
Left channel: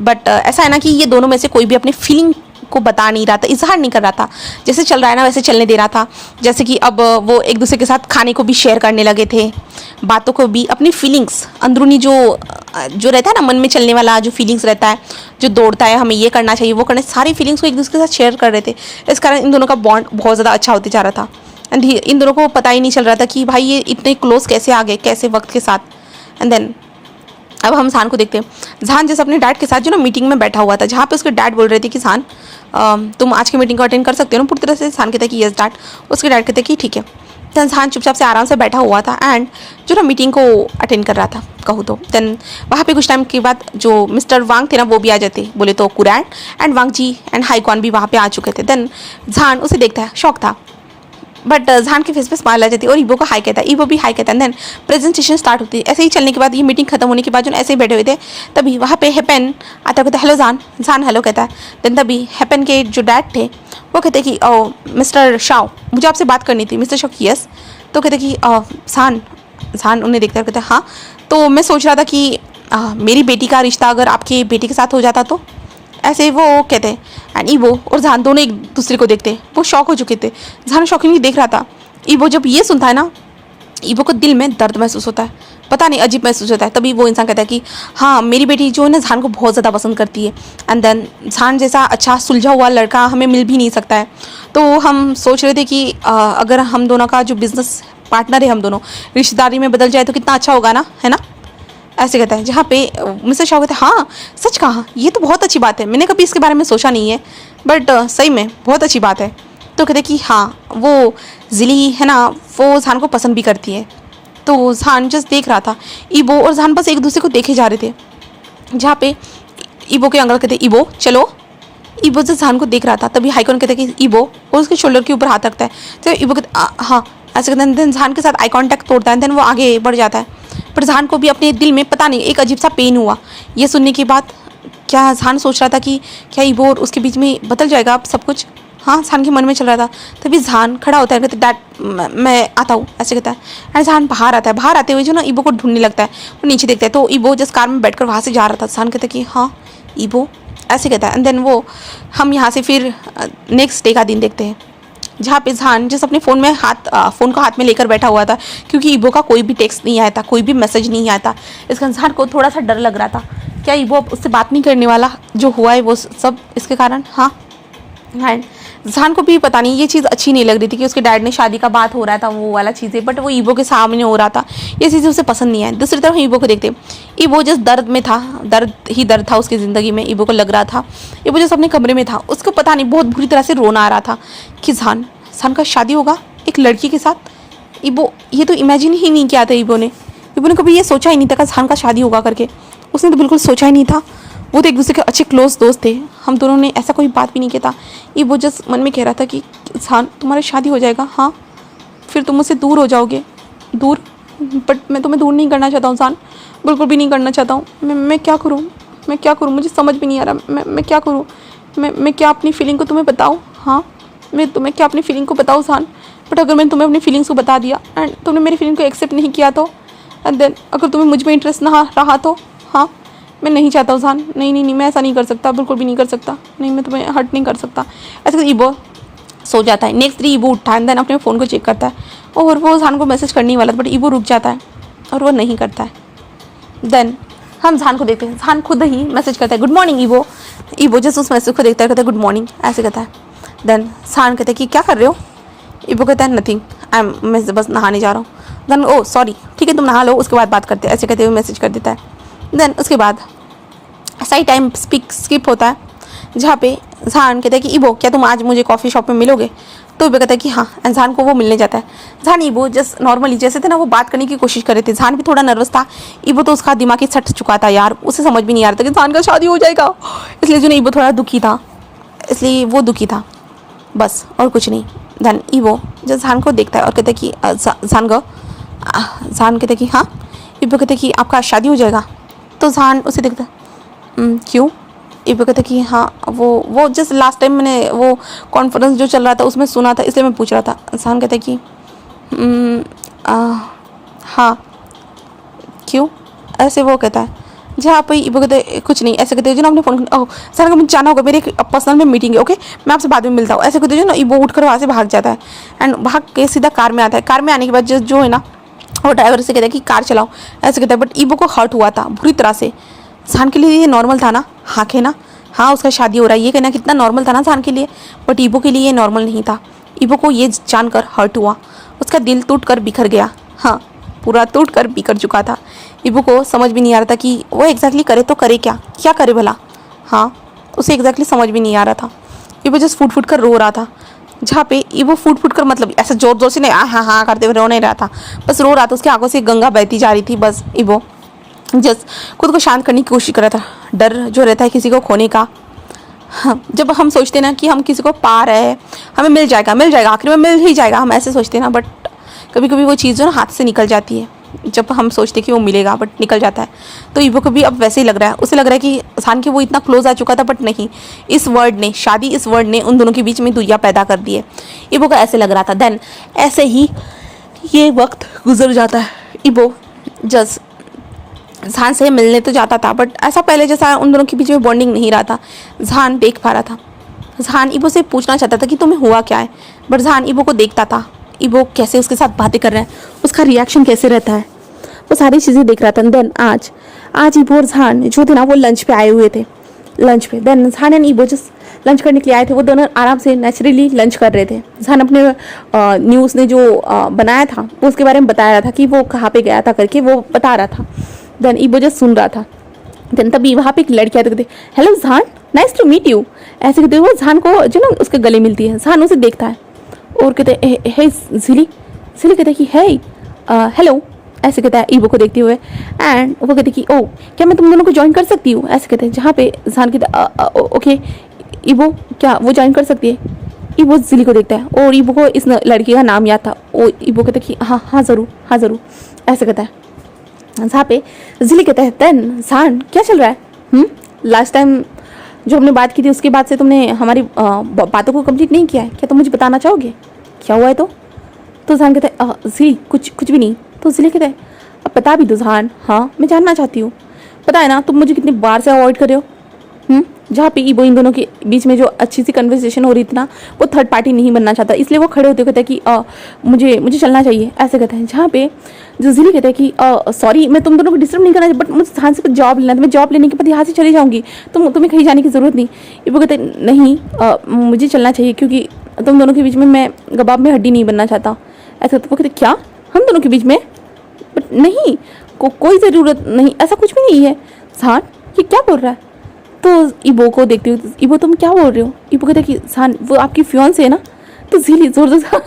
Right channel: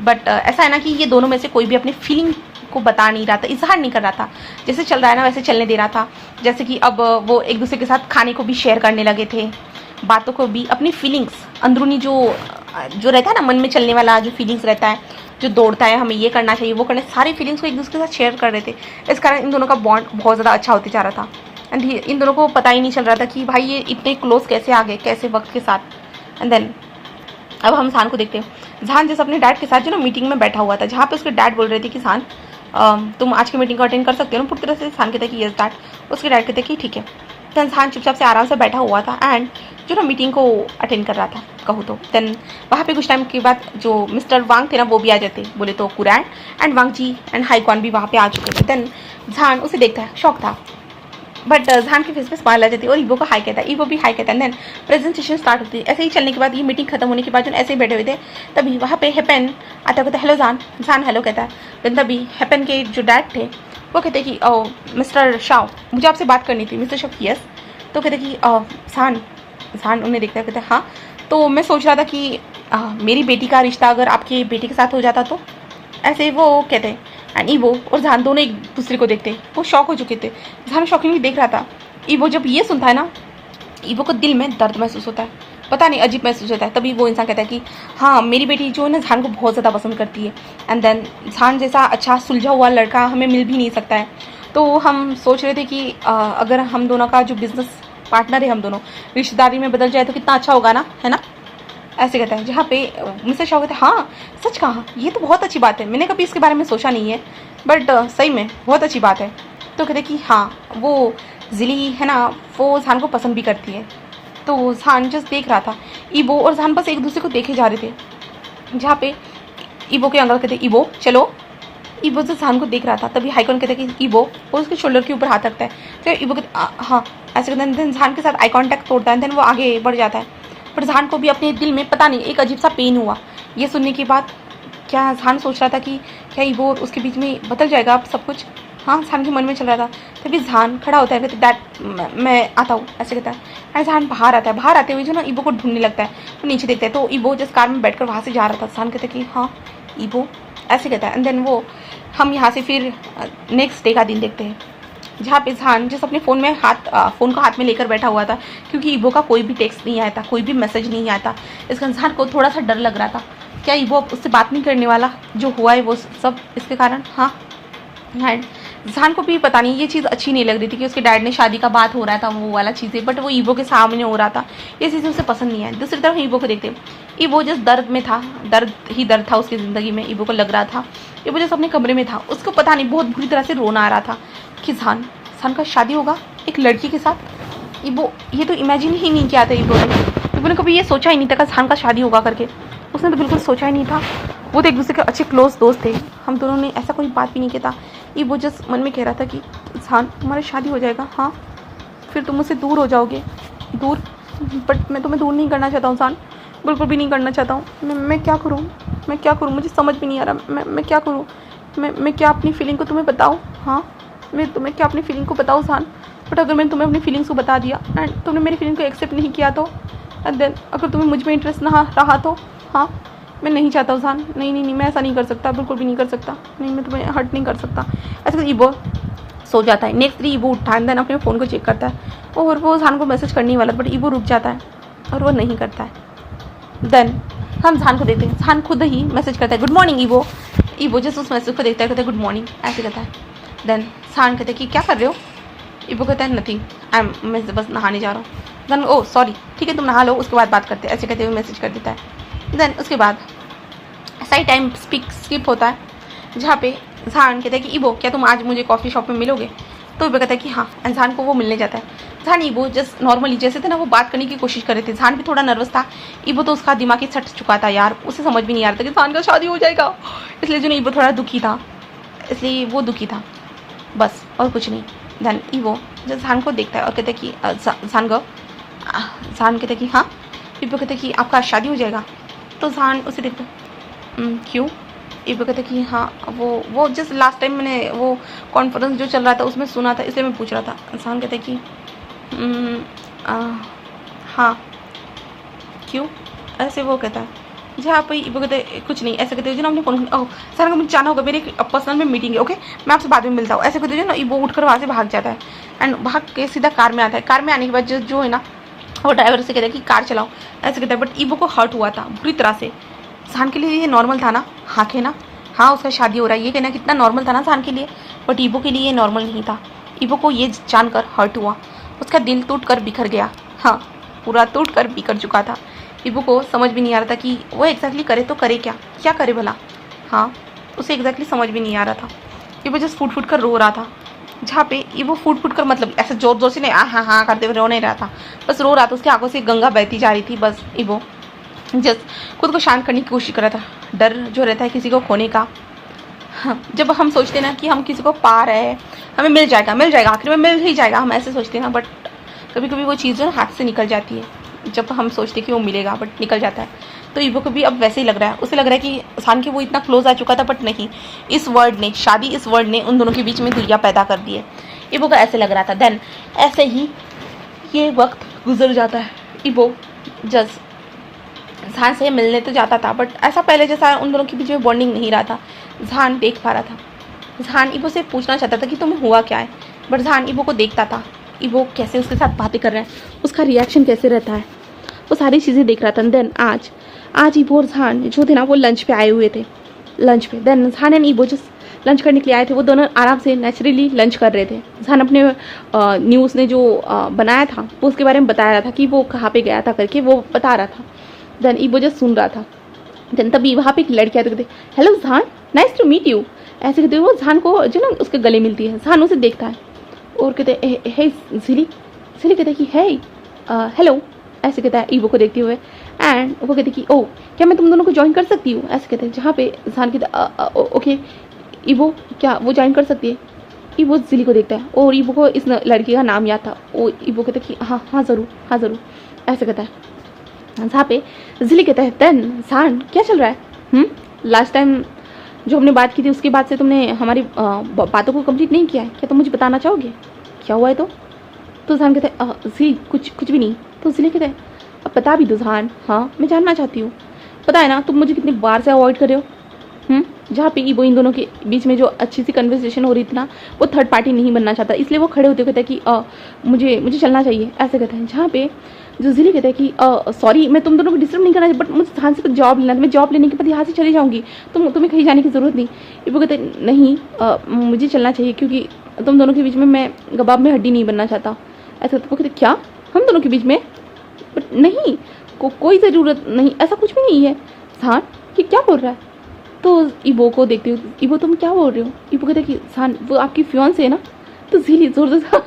बट ऐसा है ना कि ये दोनों में से कोई भी अपनी फीलिंग को बता नहीं रहा था, इजहार नहीं कर रहा था। जैसे चल रहा है ना वैसे चलने दे रहा था। जैसे कि अब वो एक दूसरे के साथ खाने को भी शेयर करने लगे थे, बातों को भी, अपनी फीलिंग्स, अंदरूनी जो रहता है ना मन में चलने वाला जो फीलिंग्स रहता है, जो दौड़ता है हमें ये करना चाहिए वो करना, सारी फीलिंग्स को एक दूसरे के साथ शेयर कर रहे थे। इस कारण इन दोनों का बॉन्ड बहुत ज़्यादा अच्छा होते जा रहा था। एंड इन दोनों को पता ही नहीं चल रहा था कि भाई ये इतने क्लोज कैसे आ गए, कैसे वक्त के साथ। एंड देन अब हम जहान को देखते हैं। जहान जैसे अपने डैड के साथ जो ना मीटिंग में बैठा हुआ था, जहाँ पे उसके डैड बोल रहे थे कि जहान तुम आज की मीटिंग को अटेंड कर सकते हो ना पूरी तरह से। जहान कहते कि यस डैड। उसके डैड कहते कि ठीक है। देन जहान चुपचाप से आराम से बैठा हुआ था एंड जो ना मीटिंग को अटेंड कर रहा था कहूँ तो। देन वहाँ पे कुछ टाइम के बाद जो मिस्टर वांग थे ना वो भी आ जाते, बोले तो कुरैन एंड वांग जी एंड हाईकॉन भी वहाँ पे आ चुके थे। देन जहान उसे देखता है, शौक था, बट जहान के फेस पे स्माइल आ जाती है और ईबो को हाई कहता है, ईबो भी हाई कहता है। देन प्रेजेंटेशन स्टार्ट होती है। ऐसे ही चलने के बाद, ये मीटिंग खत्म होने के बाद जो ऐसे ही बैठे हुए थे, तभी वहाँ पे हेपेन आता है, कहता है हेलो जहान। जहान हेलो कहता है। देन तभी हेपेन के जो डैड थे वो कहते कि ओ मिस्टर शाओ, मुझे आपसे बात करनी थी। Mister Shao yes. तो कहते कि जहान। जहान उन्हें देखता है, कहते हैं हाँ। तो मैं सोच रहा था कि मेरी बेटी का रिश्ता अगर आपकी बेटी के साथ हो जाता तो। ऐसे वो कहते हैं एंड ईबो और जहान दोनों एक दूसरे को देखते हैं। वो शॉक हो चुके थे। जहान शॉकिंगली देख रहा था। ईबो जब ये सुनता है ना, ईबो को दिल में दर्द महसूस होता है, पता नहीं अजीब महसूस होता है। तभी वो इंसान कहता है कि हाँ मेरी बेटी जो है ना जहान को बहुत ज़्यादा पसंद करती है। एंड देन जहान जैसा अच्छा सुलझा हुआ लड़का हमें मिल भी नहीं सकता है। तो हम सोच रहे थे कि अगर हम दोनों का जो बिजनेस पार्टनर है, हम दोनों रिश्तेदारी में बदल जाए तो कितना अच्छा होगा ना, है ना। ऐसे कहता है। जहाँ पे मिस्टर शाह कहते हैं हाँ सच कहा, ये तो बहुत अच्छी बात है, मैंने कभी इसके बारे में सोचा नहीं है, बट सही में बहुत अच्छी बात है। तो कहते कि हाँ वो जिली है ना, वो जहान को पसंद भी करती है। तो जहान जस्ट देख रहा था। ईबो और जहान बस एक दूसरे को देखे जा रहे थे। जहाँ पे ईबो के अंकल कहते ईबो चलो। ईबो जस्ट जहान को देख रहा था। तभी हाईकॉन कहते कि ईबो, और उसके शोल्डर के ऊपर हाथ रखता है। तो ईबो कहते हाँ ऐसे कहते हैं। देन जहान के साथ आई कॉन्टैक्ट तोड़ता है। देन वो आगे बढ़ जाता है। पर जहान को भी अपने दिल में पता नहीं एक अजीब सा पेन हुआ ये सुनने के बाद। क्या जहान सोच रहा था कि क्या ईबो और उसके बीच में बदल जाएगा अब सब कुछ। हाँ जहान के मन में चल रहा था। तभी जहान खड़ा होता है, कहते डैड मैं आता हूँ, ऐसे कहता है। एंड जहान बाहर आता है। बाहर आते हुए जो ना ईबो को ढूंढने लगता है। वो नीचे देखता है तो ईबो जिस कार में बैठकर वहाँ से जा रहा था। जहान कहता है कि हाँ ईबो, ऐसे कहता है। एंड देन वो हम यहाँ से फिर नेक्स्ट डे का दिन देखते हैं, जहाँ पे जहान जिस अपने फ़ोन में फ़ोन को हाथ में लेकर बैठा हुआ था, क्योंकि ईबो का कोई भी टेक्स्ट नहीं आया था, कोई भी मैसेज नहीं आया था। इसका जहान को थोड़ा सा डर लग रहा था, क्या ईबो अब उससे बात नहीं करने वाला, जो हुआ है वो सब इसके कारण। हाँ एंड जहान को भी पता नहीं ये चीज़ अच्छी नहीं लग रही थी कि उसके डैड ने शादी का बात हो रहा था, वो वाला चीज़ें, बट वो ईबो के सामने हो रहा था, ये चीज़ें उसे पसंद नहीं आई। दूसरी तरफ ईबो को देखते, ईबो जिस दर्द में था, दर्द ही दर्द था उसकी ज़िंदगी में, ईबो को लग रहा था। ईबो जिस अपने कमरे में था, उसको पता नहीं बहुत बुरी तरह से रोना आ रहा था कि जहान का शादी होगा एक लड़की के साथ। ईबो ये तो इमेजिन ही नहीं किया था। ईबो ने कभी ये सोचा ही नहीं था कि जहान का शादी होगा करके। उसने तो बिल्कुल सोचा ही नहीं था। वो तो एक दूसरे के अच्छे क्लोज दोस्त थे, हम दोनों ने ऐसा कोई बात भी नहीं किया था। ईबो जस्ट मन में कह रहा था कि जहान तुम्हारी शादी हो जाएगा, हाँ फिर तुम मुझसे दूर हो जाओगे, दूर, बट मैं तुम्हें दूर नहीं करना चाहता हूँ जहान, बिल्कुल भी नहीं करना चाहता हूँ। मैं क्या करूँ, मैं क्या करूँ, मुझे समझ भी नहीं आ रहा। मैं क्या करूँ, मैं क्या अपनी फीलिंग को तुम्हें बताऊँ। हाँ मैं तुम्हें क्या अपनी फीलिंग को बताऊँ जहान, बट अगर मैंने तुम्हें अपनी फीलिंग्स को बता दिया एंड तुमने मेरी फीलिंग को एक्सेप्ट नहीं किया तो, एंड देन अगर तुम्हें मुझ में इंटरेस्ट ना रहा तो, हाँ मैं नहीं चाहता हूँ जहान, नहीं मैं ऐसा नहीं कर सकता, बिल्कुल भी नहीं कर सकता, नहीं मैं तुम्हें हर्ट नहीं कर सकता। ऐसे तो ईबो सो जाता है। नेक्स्ट डे ईबो उठता है एंड देन अपने फ़ोन को चेक करता है और वो जहान को मैसेज करने वाला था, बट ईबो रुक जाता है और वो नहीं करता है। देन हम जहान को देखते हैं, जहान खुद ही मैसेज करता है गुड मॉर्निंग ईबो। ईबो जैसे उस मैसेज को देखता है, कहता है गुड मॉर्निंग, ऐसे कहता है। देन जहान कहता है कि क्या कर रहे हो। ईबो कहता है नथिंग, मैं बस नहाने जा रहा हूँ। देन ओ सॉरी ठीक है तुम नहा लो, उसके बाद बात करते हैं, ऐसे कहते हुए मैसेज कर देता है। देन उसके बाद सही टाइम स्किप होता है, जहाँ पे जहान कहता है कि ईबो क्या तुम आज मुझे कॉफ़ी शॉप में मिलोगे। तो ईबो कहता है कि हाँ। जहान को वो मिलने जाता है। जहान ईबो जस्ट नॉर्मली जैसे थे ना वो बात करने की कोशिश कर रहे थे। जहान भी थोड़ा नर्वस था। ईबो तो उसका दिमाग ही सट चुका था यार, उसे समझ भी नहीं आ रहा था कि जहान का शादी हो जाएगा, इसलिए जो ईबो थोड़ा दुखी था, इसलिए वो दुखी था बस, और कुछ नहीं। देन ईबो जब जहान को देखता है और कहता है कि जहान कहता है कि हाँ। ईबो कहता है कि आपका शादी हो जाएगा। तो जहान उसे देखता है क्यों। ईबो कहता है कि हाँ वो जस्ट लास्ट टाइम मैंने वो कॉन्फ्रेंस जो चल रहा था उसमें सुना था, इसलिए मैं पूछ रहा था। जहान कहता है कि हाँ क्यों, ऐसे वो कहता है। जहाँ पे ईबो कहते हैं कुछ नहीं, ऐसे कहते हैं जो ना अपने फ़ोन ओह सर का मुझे जाना होगा, मेरे पर्सनल में मीटिंग है, ओके मैं आपसे बाद में मिलता हूँ, ऐसे कहते जो ना ईबो उठकर वहाँ से भाग जाता है एंड भाग के सीधा कार में आता है। कार में आने के बाद जो है ना वो ड्राइवर से कहता है कि कार चलाओ, ऐसे कहता है। बट ईबो को हर्ट हुआ था बुरी तरह से। जहान के लिए ये नॉर्मल था ना, हाँ के ना, हाँ उसका शादी हो रहा है ये कहना कितना नॉर्मल था ना जहान के लिए, बट ईबो के लिए ये नॉर्मल नहीं था। ईबो को ये जानकर हर्ट हुआ, उसका दिल टूट कर बिखर गया। हाँ, पूरा टूट कर बिखर चुका था। ईबो को समझ भी नहीं आ रहा था कि वो एग्जैक्टली करे तो करे क्या, क्या करे भला। हाँ, उसे एग्जैक्टली समझ भी नहीं आ रहा था। ईबो जस्ट फूट फूट कर रो रहा था, जहाँ पे ईबो फूट फूट कर मतलब ऐसा जोर जोर से नहीं हाँ हाँ करते हुए रो नहीं रहा था, बस रो रहा था। उसकी आंखों से गंगा बहती जा रही थी। बस ईबो जस्ट खुद को शांत करने की कोशिश कर रहा था। डर जो रहता है किसी को खोने का, हाँ, जब हम सोचते ना कि हम किसी को पा रहे हैं, हमें मिल जाएगा आखिर में मिल ही जाएगा, हम ऐसे सोचते ना, बट कभी कभी वो चीज़ जो ना हाथ से निकल जाती है। जब हम सोचते कि वो मिलेगा बट निकल जाता है। तो ईबो को भी अब वैसे ही लग रहा है। उसे लग रहा है कि सान के वो इतना क्लोज आ चुका था, बट नहीं, इस वर्ड ने, शादी इस वर्ड ने उन दोनों के बीच में दुनिया पैदा कर दी है। ईबो को ऐसे लग रहा था। देन ऐसे ही ये वक्त गुजर जाता है। ईबो जस्ट जहान से मिलने तो जाता था, बट ऐसा पहले जैसा उन दोनों के बीच में बॉन्डिंग नहीं रहा था। जहान देख पा रहा था। जहान ईबो से पूछना चाहता था कि तुम्हें हुआ क्या है, बट जहान ईबो को देखता था। ईबो कैसे उसके साथ बातें कर रहा है, उसका रिएक्शन कैसे रहता है, वो सारी चीज़ें देख रहा था। देन आज ईबो और जहान जो थे ना, वो लंच पे आए हुए थे। लंच पे देन जहान एंड ईबो जिस लंच करने के लिए आए थे, वो दोनों आराम से नेचुरली लंच कर रहे थे। जहान अपने न्यूज़ ने जो बनाया था वो उसके बारे में बता रहा था कि वो कहाँ पे गया था करके, वो बता रहा था। देन ईबो जस्ट सुन रहा था। देन तभी वहाँ पे एक लड़की आती, कहते हेलो जहान, नाइस टू मीट यू, ऐसे कहते वो जहान को जो ना उसके गले मिलती है। जहान उसे देखता है और कहते हे जिली कहते कि हे हेलो, ऐसे कहता है ईबो को देखते हुए। एंड वो कहते कि ओ क्या मैं तुम दोनों को ज्वाइन कर सकती हूँ, ऐसे कहते हैं। जहाँ पे जहान कहता ओके ईबो क्या वो ज्वाइन कर सकती है। ईबो जिली को देखता है और ईबो को इस लड़की का नाम याद था। ओ ईबो कहता है कि हाँ ज़रूर ऐसे कहता है। जहाँ पे जिली कहता है देन जहान क्या चल रहा है, लास्ट टाइम जो हमने बात की थी उसके बाद से तुमने हमारी बातों को कंप्लीट नहीं किया है, क्या तुम मुझे बताना चाहोगे क्या हुआ है। तो जहान कहता है जिली कुछ भी नहीं। तो जिली कहता है अब बता भी दो जहान, हाँ मैं जानना चाहती हूँ। पता है ना तुम मुझे कितनी बार से अवॉइड कर रहे हो। जहाँ पे ईबो इन दोनों के बीच में जो अच्छी सी कन्वर्सेशन हो रही थी ना, वो थर्ड पार्टी नहीं बनना चाहता, इसलिए वो खड़े होते कहते हैं कि मुझे चलना चाहिए, ऐसे कहते हैं। जहाँ पे जो जिली कहते हैं कि सॉरी मैं तुम दोनों को डिस्टर्ब नहीं करना चाहिए, बट मुझे जहाँ से जॉब लेना था, मैं जॉब लेने के बाद यहाँ से चली जाऊँगी, तुम्हें कहीं जाने की ज़रूरत नहीं। ईबो कहते नहीं मुझे चलना चाहिए क्योंकि तुम दोनों के बीच में मैं कबाब में हड्डी नहीं बनना चाहता, ऐसा। तो वो कहते क्या हम दोनों के बीच में, बट नहीं कोई ज़रूरत नहीं, ऐसा कुछ भी नहीं है। जहान ये क्या बोल रहा है। तो ईबो को देखते हुए ईबो तुम क्या बोल रहे हो। ईबो कहते कि जहान वो आपकी फियांसे है ना। तो जिली जोर जोर से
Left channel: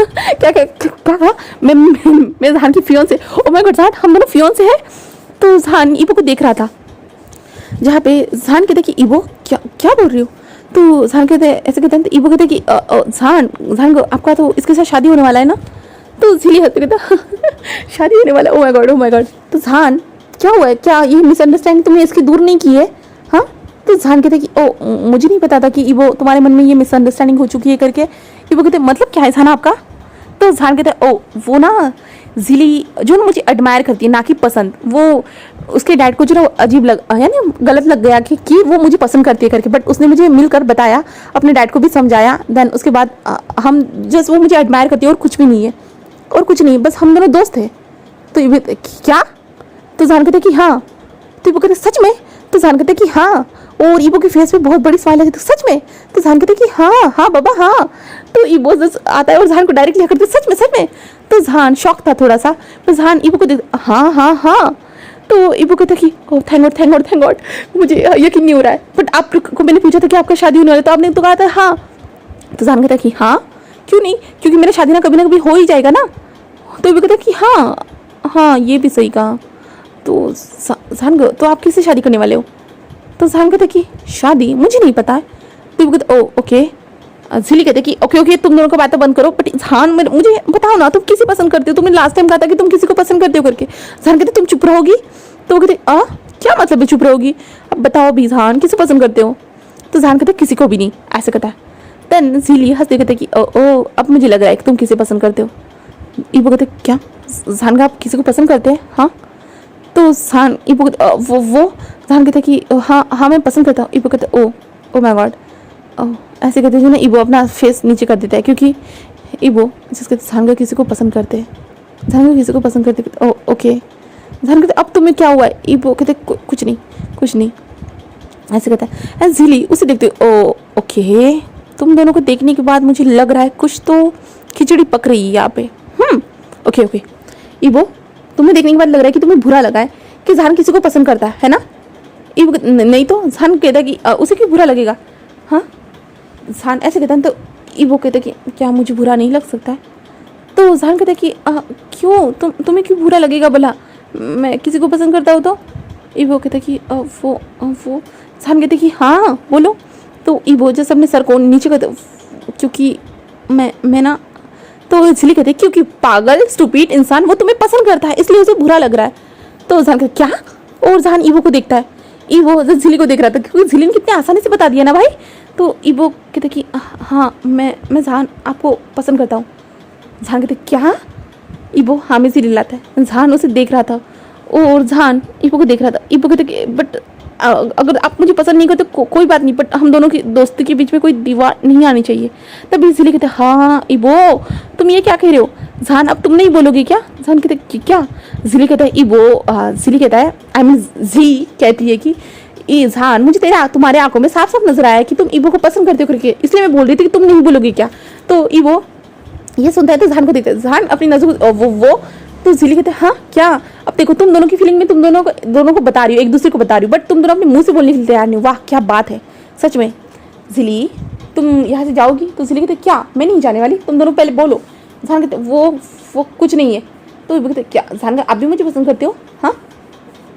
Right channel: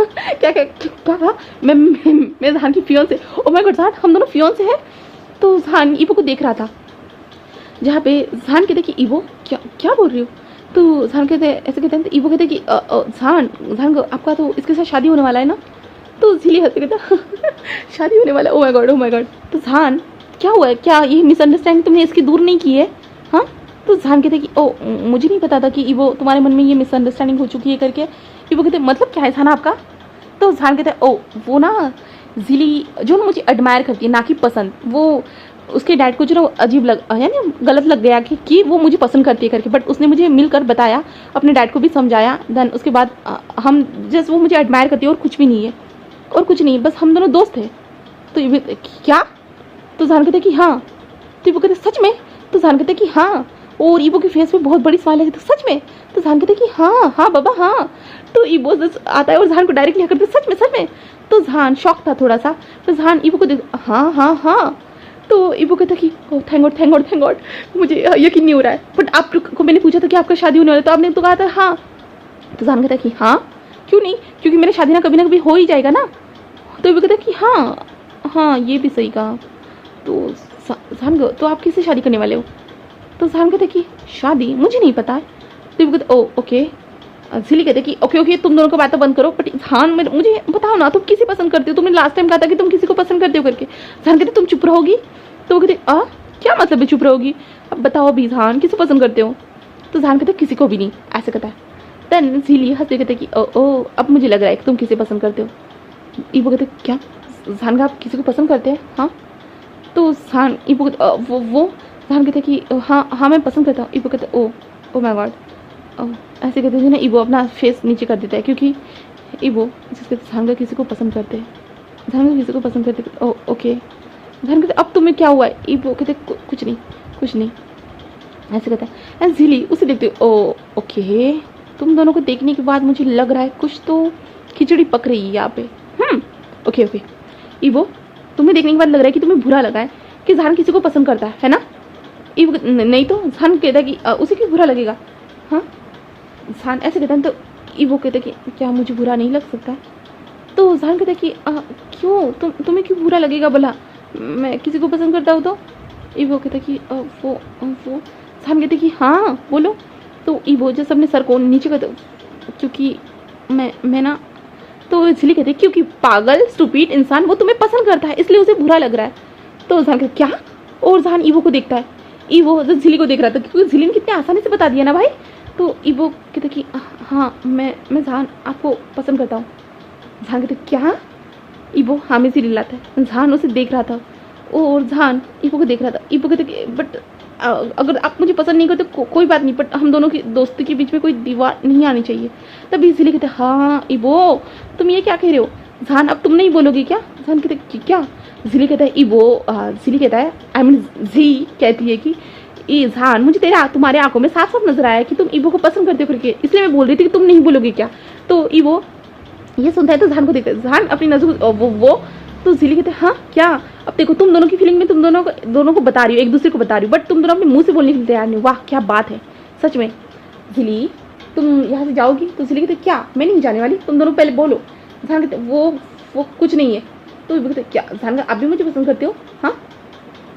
क्या मैं जहान की फियांसे, ओ माय गॉड जहान हम दोनों फियांसे हैं। तो जहान ईबो को देख रहा था। जहाँ पे जहान कहते कि ईबो क्या बोल रही हो। तो जहान कहते ऐसे कहते हैं। तो ईबो कहते कि जहान को आपका तो इसके साथ शादी होने वाला है ना। तो जिली हंसते कहता शादी होने वाला, ओ माय गॉड। तो जहान क्या हुआ है, क्या ये मिसअंडरस्टैंडिंग तुमने इसकी दूर नहीं की है। हाँ, तो जहान कहते कि ओ मुझे नहीं पता था कि ईबो तुम्हारे मन में ये मिसअंडरस्टैंडिंग हो चुकी है करके। ईबो कहते मतलब क्या है जहान आपका। तो जहान कहते ओ वो ना जिली जो ना मुझे एडमायर करती है ना कि पसंद, वो उसके डैड को जो ना अजीब लग यानी गलत लग गया कि वो मुझे पसंद करती है करके, बट उसने मुझे मिलकर बताया, अपने डैड को भी समझाया। देन उसके बाद हम जस्ट वो मुझे एडमायर करती है और कुछ भी नहीं है, और कुछ नहीं, बस हम दोनों दोस्त थे। तो ये क्या। तो जहान कहते कि हाँ। तो ईबो कहते सच में। तो जहान कहते कि हाँ, और ईबो के फेस पे बहुत बड़ी स्माइल है। तो सच में। तो जहान कहते कि हाँ बाबा हाँ। तो ईबो आता है और जहान को डायरेक्टली करते सच में। तो जहान शॉक था थोड़ा सा। तो जहान ईबो को देख हाँ। तो ईबो कहता कि ओह थैंक गॉड मुझे यकीन नहीं हो रहा है, बट आपको मैंने पूछा था कि आपका शादी होने वाला है, तो आपने तो कहा था हाँ। तो जहान कहता कि हाँ क्यों नहीं, क्योंकि मेरा शादी ना कभी हो ही जाएगा ना। तो ईबो कहता कि हाँ ये भी सही कहा। तो जहान तो आप किससे शादी करने वाले हो। तो जहान कहते कि शादी मुझे नहीं पता है। तो ईबो कहते ओ ओके। जिली कहते कि ओके तुम दोनों को बातें बंद करो, बट जहान मुझे बताओ ना तुम किसे पसंद करते हो, तुमने लास्ट टाइम कहा था कि तुम किसी को पसंद करते हो करके। जहान कहते तुम चुप रहोगी। तो वो कहते क्या मतलब है चुप रहोगी, अब बताओ भी जहान किसे पसंद करते हो। तो जहान कहते किसी को भी नहीं, ऐसे कहता है। देन जिली हंसते कहते कि ओ अब मुझे लग रहा है कि तुम किसे पसंद करते हो। ईबो कहते क्या जहान का आप किसी को पसंद करते हैं। हाँ। तो जहान ईबो वो जहान कहते कि हाँ मैं पसंद करता हूँ। ईबो कहते ओ माय गॉड ऐसे कहते हैं ना। ईबो अपना फेस नीचे कर देता है क्योंकि ईबो जिसके जहान का किसी को पसंद करते हैं, जहान का किसी को पसंद करते ओ ओके। जहान कहते अब तुम्हें क्या हुआ है। ईबो कहते कुछ नहीं ऐसे कहता है। एंड जिली उसे देखते ओ ओके तुम दोनों को देखने के बाद मुझे लग रहा है कुछ तो खिचड़ी पक रही है यहाँ पे। Okay okay. ईबो, तुम्हें देखने के बाद लग रहा है कि तुम्हें बुरा लगा है कि जहान किसी को पसंद करता है ना? ईबो नहीं तो जहान कहता है कि उसे क्यों बुरा लगेगा? हाँ, जहान ऐसे कहता है तो ईबो कहता है कि क्या मुझे बुरा नहीं लग सकता? तो जहान कहता है कि क्यों तुम्हें क्यों बुरा लगेगा भला? मैं किसी को पसंद करता हूँ तो? ईबो कहता है कि वो जहान कहते कि हाँ बोलो। तो ईबो जैसे अपने सर को नीचे करता, क्योंकि मैं ना, तो इसलिए कहते क्योंकि पागल स्टूपिड इंसान वो तुम्हें पसंद करता है इसलिए उसे बुरा लग रहा है। तो जहान कहता क्या? और जहान ईबो को देखता है, ईबो झिली को देख रहा था क्योंकि झिली ने कितने आसानी से बता दिया ना भाई। तो ईबो कहते कि हाँ मैं जहान आपको पसंद करता हूँ। जहान कहते क्या? ईबो हाँ में से लाता है। जहान उसे देख रहा था और जहान ईबो को देख रहा था। ईबो कहते कि बट अगर आप मुझे पसंद नहीं करते कोई बात नहीं, बट हम दोनों की दोस्ती के बीच में कोई दीवार नहीं आनी चाहिए। तभी झिली कहते हाँ ईबो तुम ये क्या कह रहे हो? जहान अब तुम नहीं बोलोगी क्या? जहान कहते क्या? झिली कहता है ईबो, झिली कहता है आई मीन जी कहती है कि जहान मुझे तुम्हारे आंखों में साफ साफ नजर आया कि तुम ईबो को पसंद करते हो करके, इसलिए मैं बोल रही थी कि तुम नहीं बोलोगी क्या? तो ईबो ये सुनता है तो जहान को देखता है। जहान अपनी नजर वो तो झिली कहते हैं हाँ क्या? अब देखो तुम दोनों की फीलिंग में तुम दोनों को बता रही हो, एक दूसरे को बता रही हो, बट तुम दोनों अपने मुंह से बोलने के लिए तैयार नहीं। वाह क्या बात है सच में। झिली तुम यहाँ से जाओगी? तो झिली कहते क्या मैं नहीं जाने वाली, तुम दोनों पहले बोलो। जहान कहते वो कुछ नहीं है। तो कहते क्या? जहान आप भी मुझे पसंद करते हो? हाँ।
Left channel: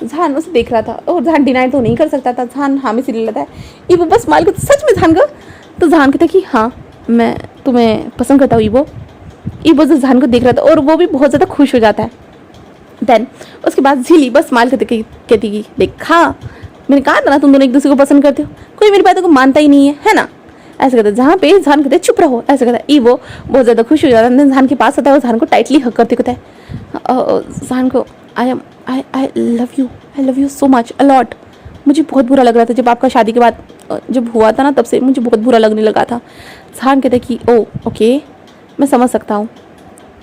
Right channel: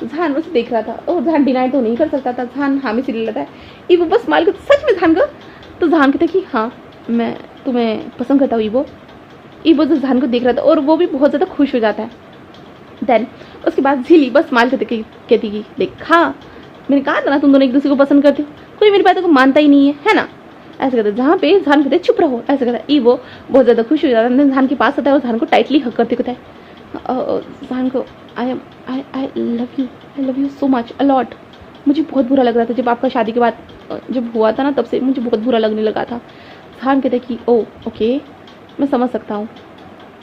जहान उसे देख रहा था और जहान डिनाई तो नहीं कर सकता था। जहान हाँ में सिल लेता है। ईबो बस स्माइल करते सच में जहान का? तो जहान कहता कि हाँ मैं तुम्हें पसंद करता हूँ ईबो। ईबो से जहान को देख रहा था और वो भी बहुत ज़्यादा खुश हो जाता है। देन उसके बाद झिली बस स्माइल करते कहती कि देखा मैंने कहा था ना तुम दोनों एक दूसरे को पसंद करते हो, कोई मेरी बातों को मानता ही नहीं है ना? ऐसे कहते जहाँ पे जहान कहते चुप रहो, ऐसे कहता ईबो बहुत ज़्यादा खुश हो जाता है। जहान के पास आता है और जहान को टाइटली हक करते कहता है जहान को I love you so much a lot. मुझे बहुत बुरा लग रहा था जब आपका शादी के बाद जब हुआ था ना, तब से मुझे बहुत बुरा लगने लगा था। जहान कहते कि ओ ओके मैं समझ सकता हूँ,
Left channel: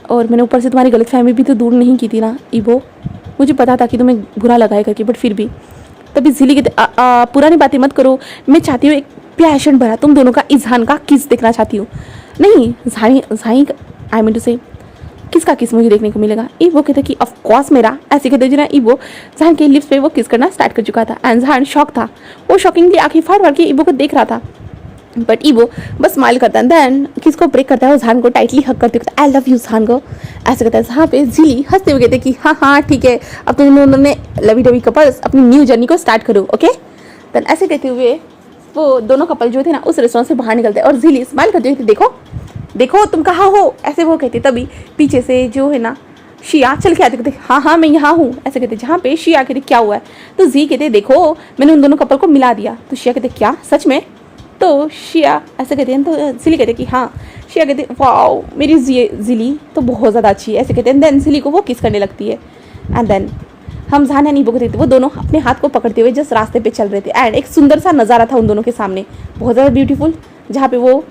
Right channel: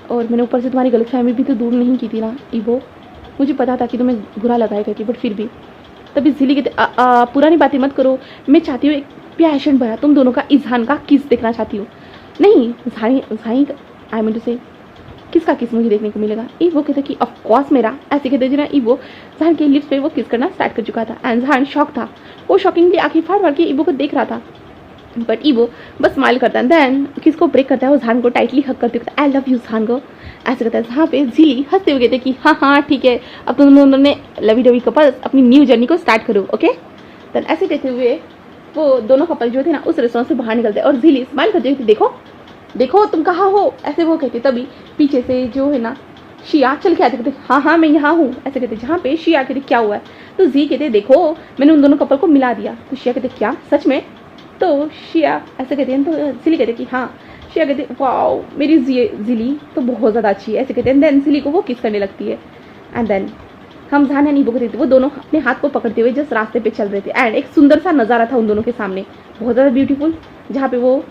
और मैंने ऊपर से तुम्हारी गलतफहमी भी तो दूर नहीं की थी ना ईबो, मुझे पता था कि तुम्हें बुरा लगा है करके, बट फिर भी। तभी झिली कहते पुरानी बातें मत करो, मैं चाहती हूँ एक पैशन भरा तुम दोनों का इजहान का किस देखना चाहती हूँ। नहीं जहाई आई मीन टू से किसका किस मुझे देखने को मिलेगा? ईबो कहते कि ऑफ कोर्स मेरा। ऐसे कहते जो ना ईबो जहान के लिप्स पे वो किस करना स्टार्ट कर चुका था एंड जहान शॉक था, वो शॉकिंगली आंखें फाड़ के ईबो को देख रहा था। बट ईबो बस स्माइल करता है, देन किसको ब्रेक करता है जहान को टाइटली हक करते आई लव यू जहान को। ऐसे कहता है जहाँ पे झिली हंसते हुए कहते कि हाँ ठीक है अब तुम दोनों ने लवी डवी कपल्स अपनी न्यू जर्नी को स्टार्ट करो ओके। देन ऐसे कहते हुए वो दोनों कपल जो थे ना उस रेस्टोरेंट से बाहर निकलते और झिली स्माइल करते हुए देखो देखो तुम कहाँ हो, ऐसे वो कहते। तभी पीछे से जो है ना शिया चल के आते कहते हाँ मैं यहाँ हूँ। ऐसे कहते जहाँ पे शिया कहते क्या हुआ है? तो जी कहते देखो मैंने उन दोनों कपल को मिला दिया। तो शिया कहते क्या सच में? तो शिया ऐसे कहते हैं। तो झिली कहते कि हाँ। शिया कहते वाओ मेरी झिली तो बहुत ज़्यादा अच्छी है, ऐसे कहते हैं। देन झिली को वो किस करने लगती है एंड देन हम जहान ईबो को देखते वो दोनों अपने हाथ को पकड़ते हुए जिस रास्ते पे चल रहे थे एंड एक सुंदर सा नज़ारा था उन दोनों के सामने बहुत ज़्यादा ब्यूटीफुल, जहाँ पे वो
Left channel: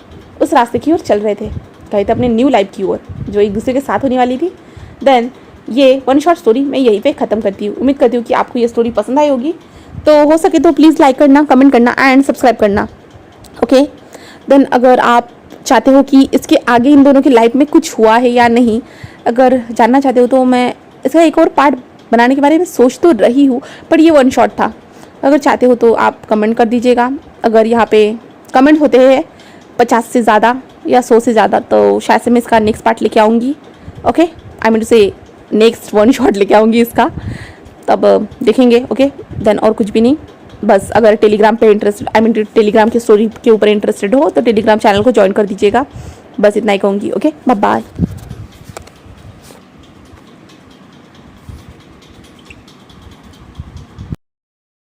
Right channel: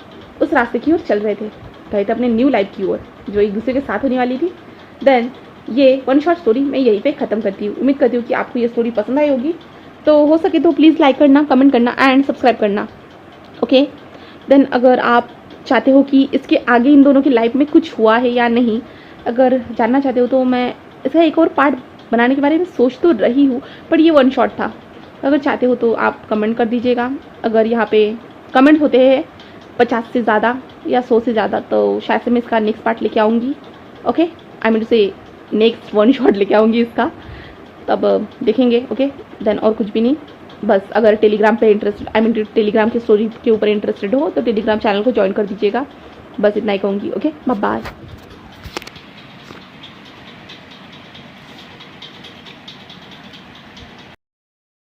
उस रास्ते की ओर चल रहे थे, कहे थे अपने न्यू लाइफ की ओर जो एक दूसरे के साथ होने वाली थी। देन ये वन शॉर्ट स्टोरी मैं यहीं पे ख़त्म करती हूँ। उम्मीद करती हूँ कि आपको ये स्टोरी पसंद आई होगी, तो हो सके तो प्लीज़ लाइक करना, कमेंट करना एंड सब्सक्राइब करना ओके। देन अगर आप चाहते हो कि इसके आगे इन दोनों की लाइफ में कुछ हुआ है या नहीं, अगर जानना चाहते हो तो मैं इसका एक और पार्ट बनाने के बारे में सोच तो रही हूँ, पर ये वन शॉट था। अगर चाहते हो तो आप कमेंट कर दीजिएगा। अगर यहाँ पे कमेंट होते हैं 50 से ज़्यादा या 100 से ज़्यादा तो शायद से मैं इसका नेक्स्ट पार्ट लेके आऊँगी ओके। आई मीन टू से नेक्स्ट वन शॉट लेके आऊँगी इसका, तब देखेंगे ओके। देन और कुछ भी नहीं, बस अगर टेलीग्राम पे इंटरेस्टेड आई मीन टेलीग्राम की स्टोरी के ऊपर इंटरेस्टेड हो तो टेलीग्राम चैनल को ज्वाइन कर दीजिएगा। बस इतना ही कहूँगी ओके। Bye bye.